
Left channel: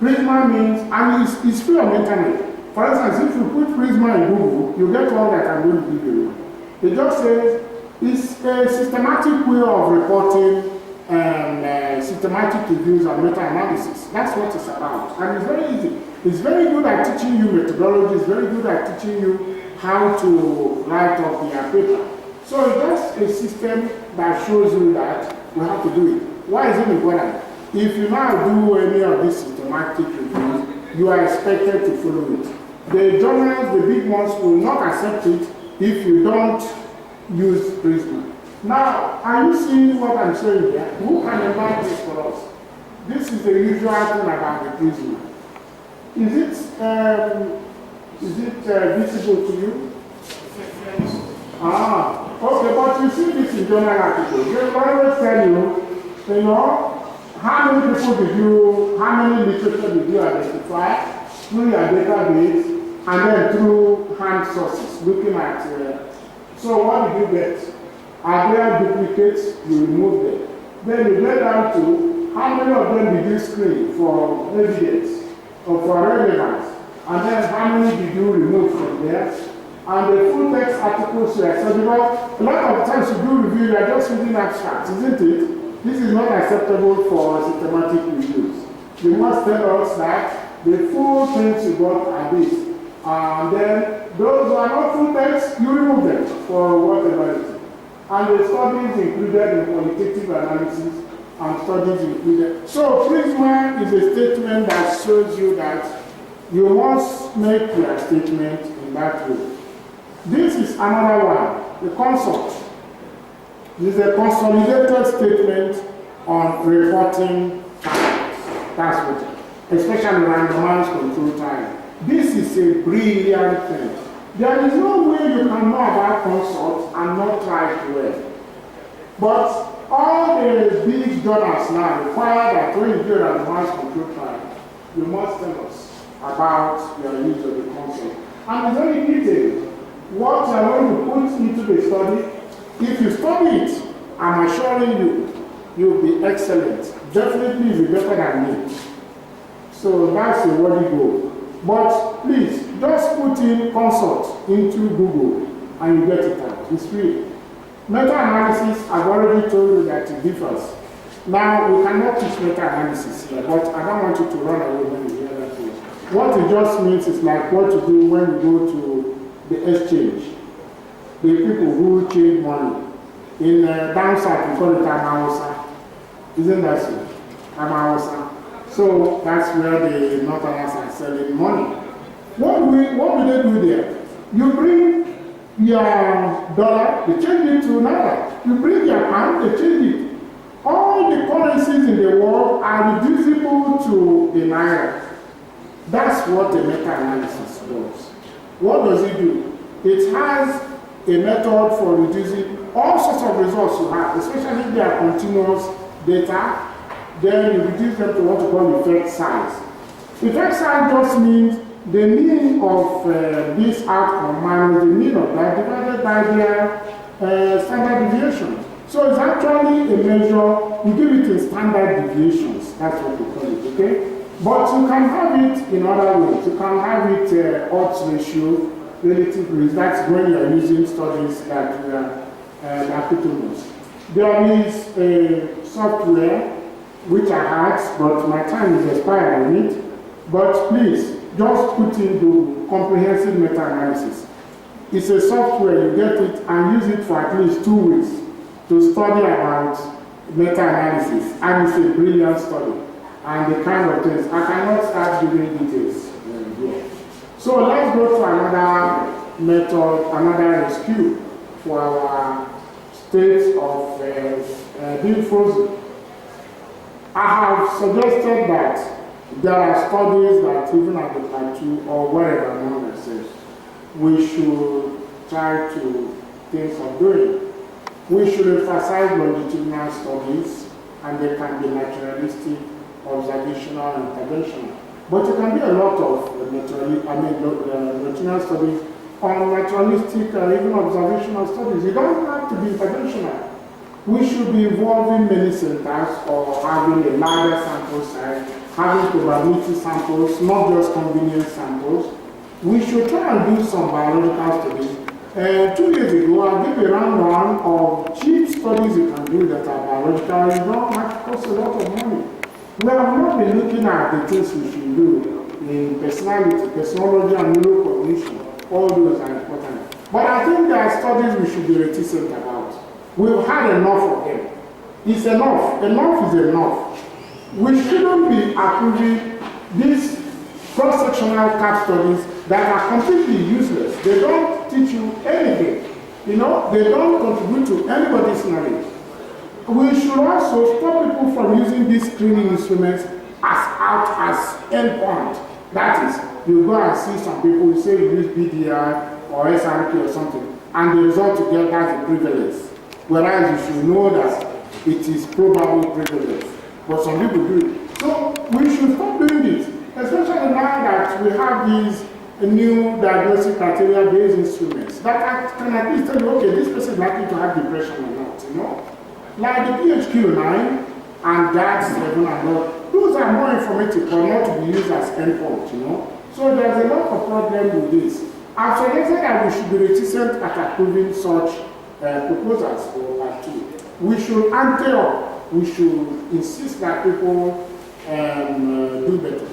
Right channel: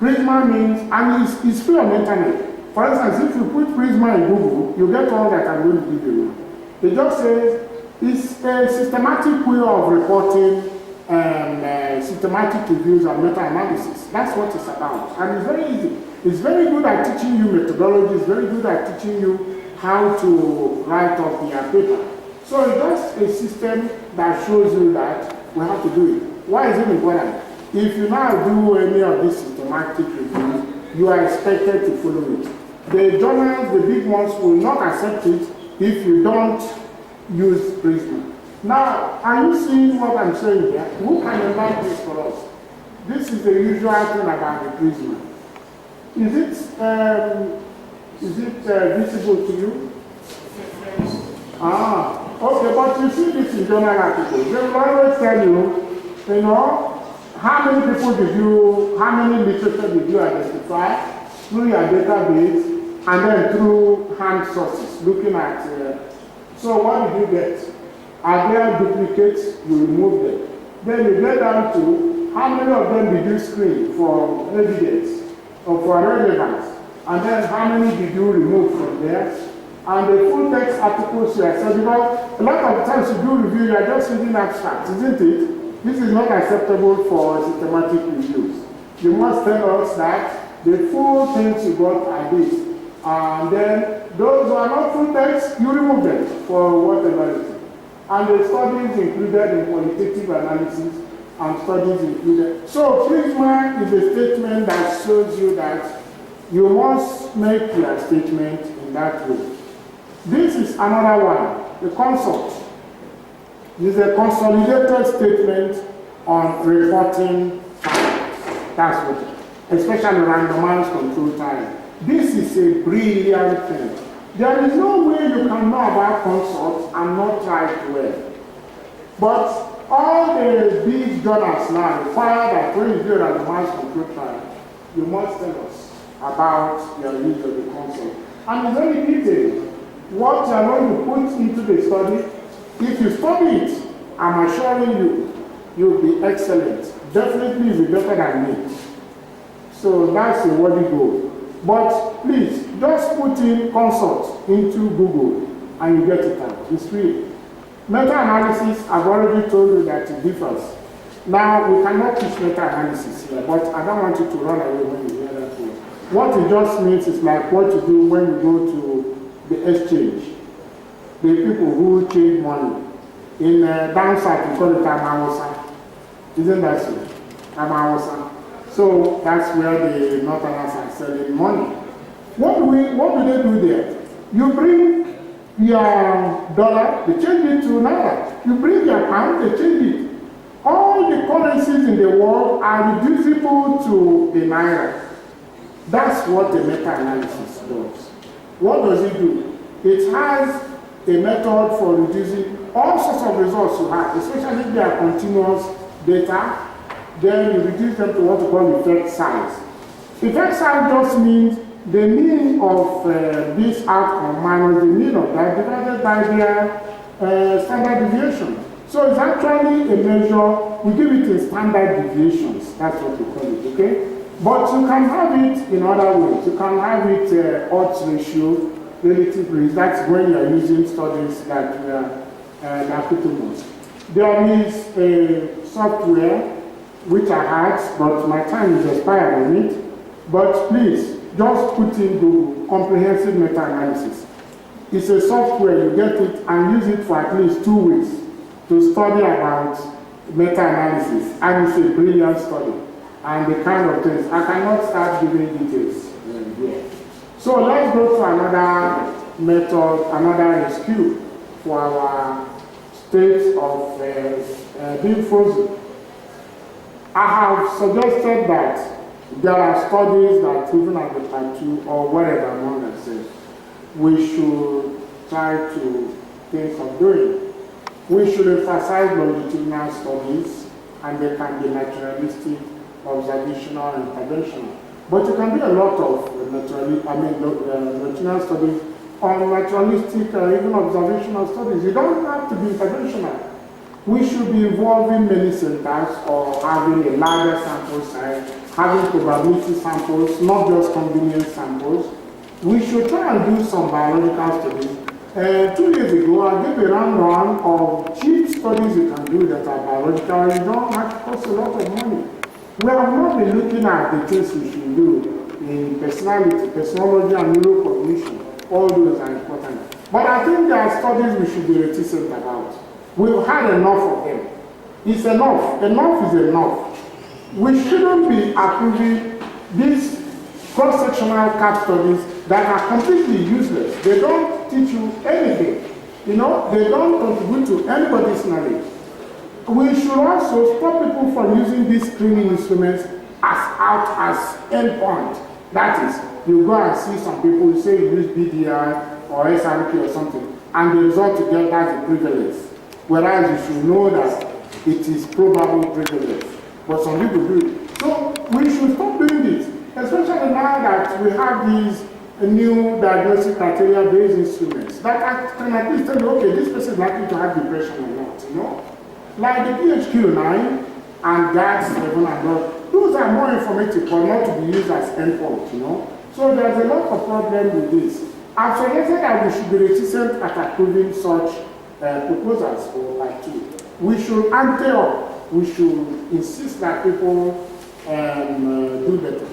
Prisma means, and it's free on the internet. For instance, if you put Prisma in Google, you get all that I'm going to give you. It just says, it's a systematic way of reporting systematic reviews and meta-analysis. That's what it's about. And it's very easy. It's very good at teaching you methodology. It's very good at teaching you how to write up your paper. So it's just a system that shows you that we have to do it. Why is it important? If you now do any of these systematic reviews, you are expected to follow it. The journals, the big ones, will not accept it if you don't use prisoner. Now, are you seeing what I'm saying here? Who can enlighten this for us? This is the usual thing about the prisoner. Is it visible to you? Okay, but you see this in journal articles. They will always tell you know, how many literature did you identify through your database and then through hand sources, looking at, so what did you get? Are there duplicates? You remove them. Then you get down to how many of them did you screen for evidence or for relevance? And then how many did you remove from there? And the full text articles you accept, because a lot of times you do review, you are just reading abstracts, isn't it? This is not acceptable for systematic reviews. You must tell us that the full things you got are this. And then those who are not full text, you remove them for whatever it is. And the studies included in qualitative analysis and studies included. So Prisma is a statement that shows you that you must make your statement in that way. This is another one, the consult. This is a consolidated statement on reporting time. That's what, especially randomized control time. This is a brilliant thing. There is no way you can know about consult and not try it well. But all the big journals now require that when you do a randomized control trial, you must tell us about your use of the consult. And it's very detailed. What you are going to put into the study, if you study it, I'm assuring you, you'll be excellent. Definitely you'll be better than me. So that's a worthy goal. But please, just put in consult into Google and you get it out. It's free. Meta-analysis, I've already told you that it differs. Now, we cannot teach meta-analysis here, but I don't want you to run away when you hear that word. What it just means is like what you do when you go to the exchange. The people who change money. In down south, we call it Amawasa. Isn't that so? Amawasa. So that's where the Northerners are selling money. What do they do there? You bring your dollar, they change it to naira. You bring your pound, they change it. All the currencies in the world are reducible to the naira. That's what the meta-analysis does. What does it do? It has a method for reducing all sorts of results you have, especially if they are continuous data. Then you reduce them to what we call effect size. Effect size just means the mean of this outcome minus the mean of that divided by their standard deviation. So it's actually a measure, we give it in standard deviations, that's what we call it, okay? But you can have it in other ways. You can have it odds ratio, relative risk. That's when you are using studies that we are applicable. There is a software which I had, but my time is expired on it. But please, just put in the comprehensive meta-analysis. It's a software, you get it and use it for at least 2 weeks to study about meta-analysis. And it's a brilliant study. And the kind of things, I cannot start giving details here. So let's go to another method, another rescue for our state of being frozen. I have suggested that there are studies that even at the plateau or wherever among themselves, we should try to think of doing. We should emphasize longitudinal studies, and they can be naturalistic, observational, and interventional. But it can be a lot of longitudinal studies on naturalistic or even observational studies. You don't have to be interventional. We should be involving many centers or having a larger sample size, having probability samples, not just convenience samples. We should try and do some biological studies. 2 years ago, I gave a rundown of cheap studies you can do that are biological. You don't have to cost a lot of money. We have not been looking at the things we should do in personality, personology, and neurocognition. All those are important. But I think there are studies we should be reticent about. We've had enough of them. It's enough. Enough is enough. We shouldn't be approving this cross-sectional case studies that are completely useless. They don't teach you anything. You know, they don't contribute to anybody's knowledge. We should also stop people from using these screening instruments as endpoint. That is, you go and see some people say you use BDR or SRP or something, and the result you get that's a privilege. Whereas you should know that it is probably privilege. But some people do it. So we should stop doing this, especially now that we have these new diagnostic criteria-based instruments that can at least tell you, okay, this person is likely to have depression or not, you know? Like the PHQ-9 and GAD-7 and all, those are more informative but not to be used as endpoint, you know? So there's a lot of problem with this. I've suggested that we should be reticent at approving such proposals for Part 2. We should ante up. We should insist that people do better.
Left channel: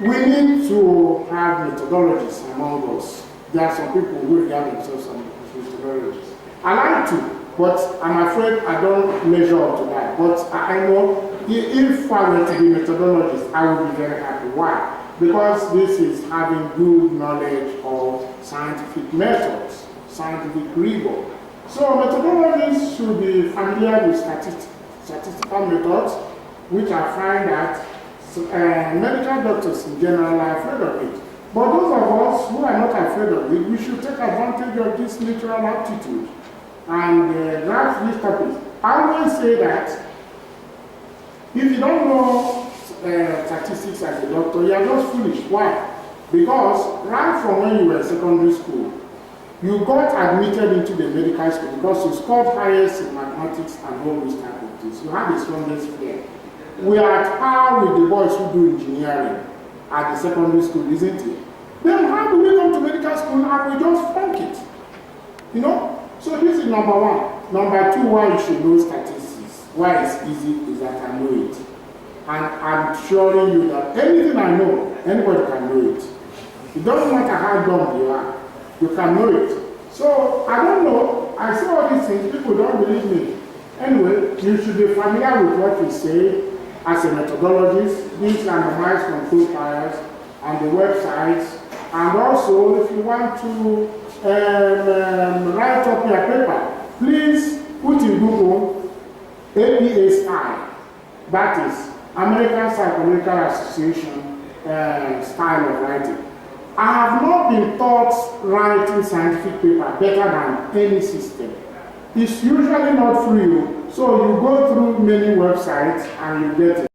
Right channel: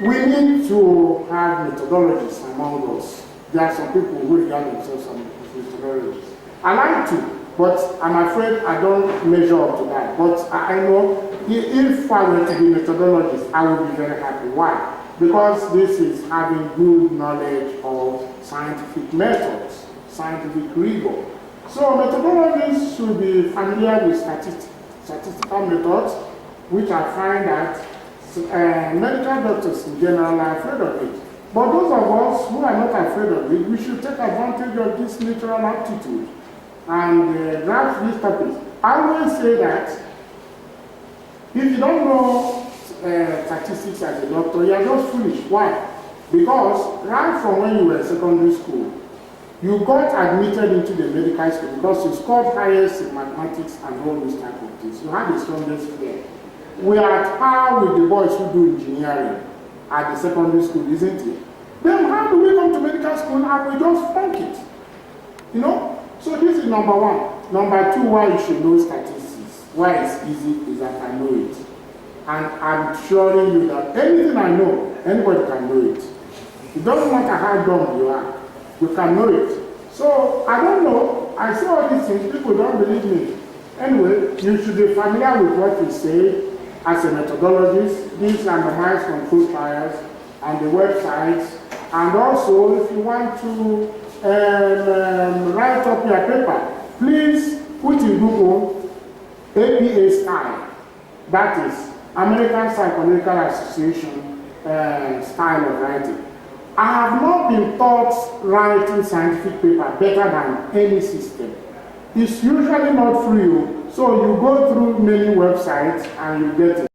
We need to have methodologies among us. There are some people who regard themselves as methodologists. I like to, but I'm afraid I don't measure up to that. But I know if I were to be a methodologist, I would be very happy. Why? Because this is having good knowledge of scientific methods, scientific rigor. So methodologists should be familiar with statistical methods, which I find that medical doctors in general are afraid of it. But those of us who are not afraid of it, we should take advantage of this natural aptitude and grasp these topics. I always say that if you don't know statistics as a doctor, you are just foolish. Why? Because right from when you were in secondary school, you got admitted into the medical school because you scored highest in mathematics and all these type of things. You had the strongest flair. We are at par with the boys who do engineering at the secondary school, isn't it? Then how do we come to medical school and we just funk it? You know? So this is number one. Number two, why you should know statistics. Why it's easy is that I know it. And I'm assuring you that anything I know, anybody can know it. It doesn't matter how dumb you are. You can know it. So, I don't know. I say all these things. People don't believe me. Anyway, you should be familiar with what we say as a methodologist. These randomized control trials and the websites. And also, if you want to write up your paper, please put in Google APSI. That is American Psychological Association style of writing. I have not been taught writing scientific paper better than any system. It's usually not free, so you go through many websites and you get it.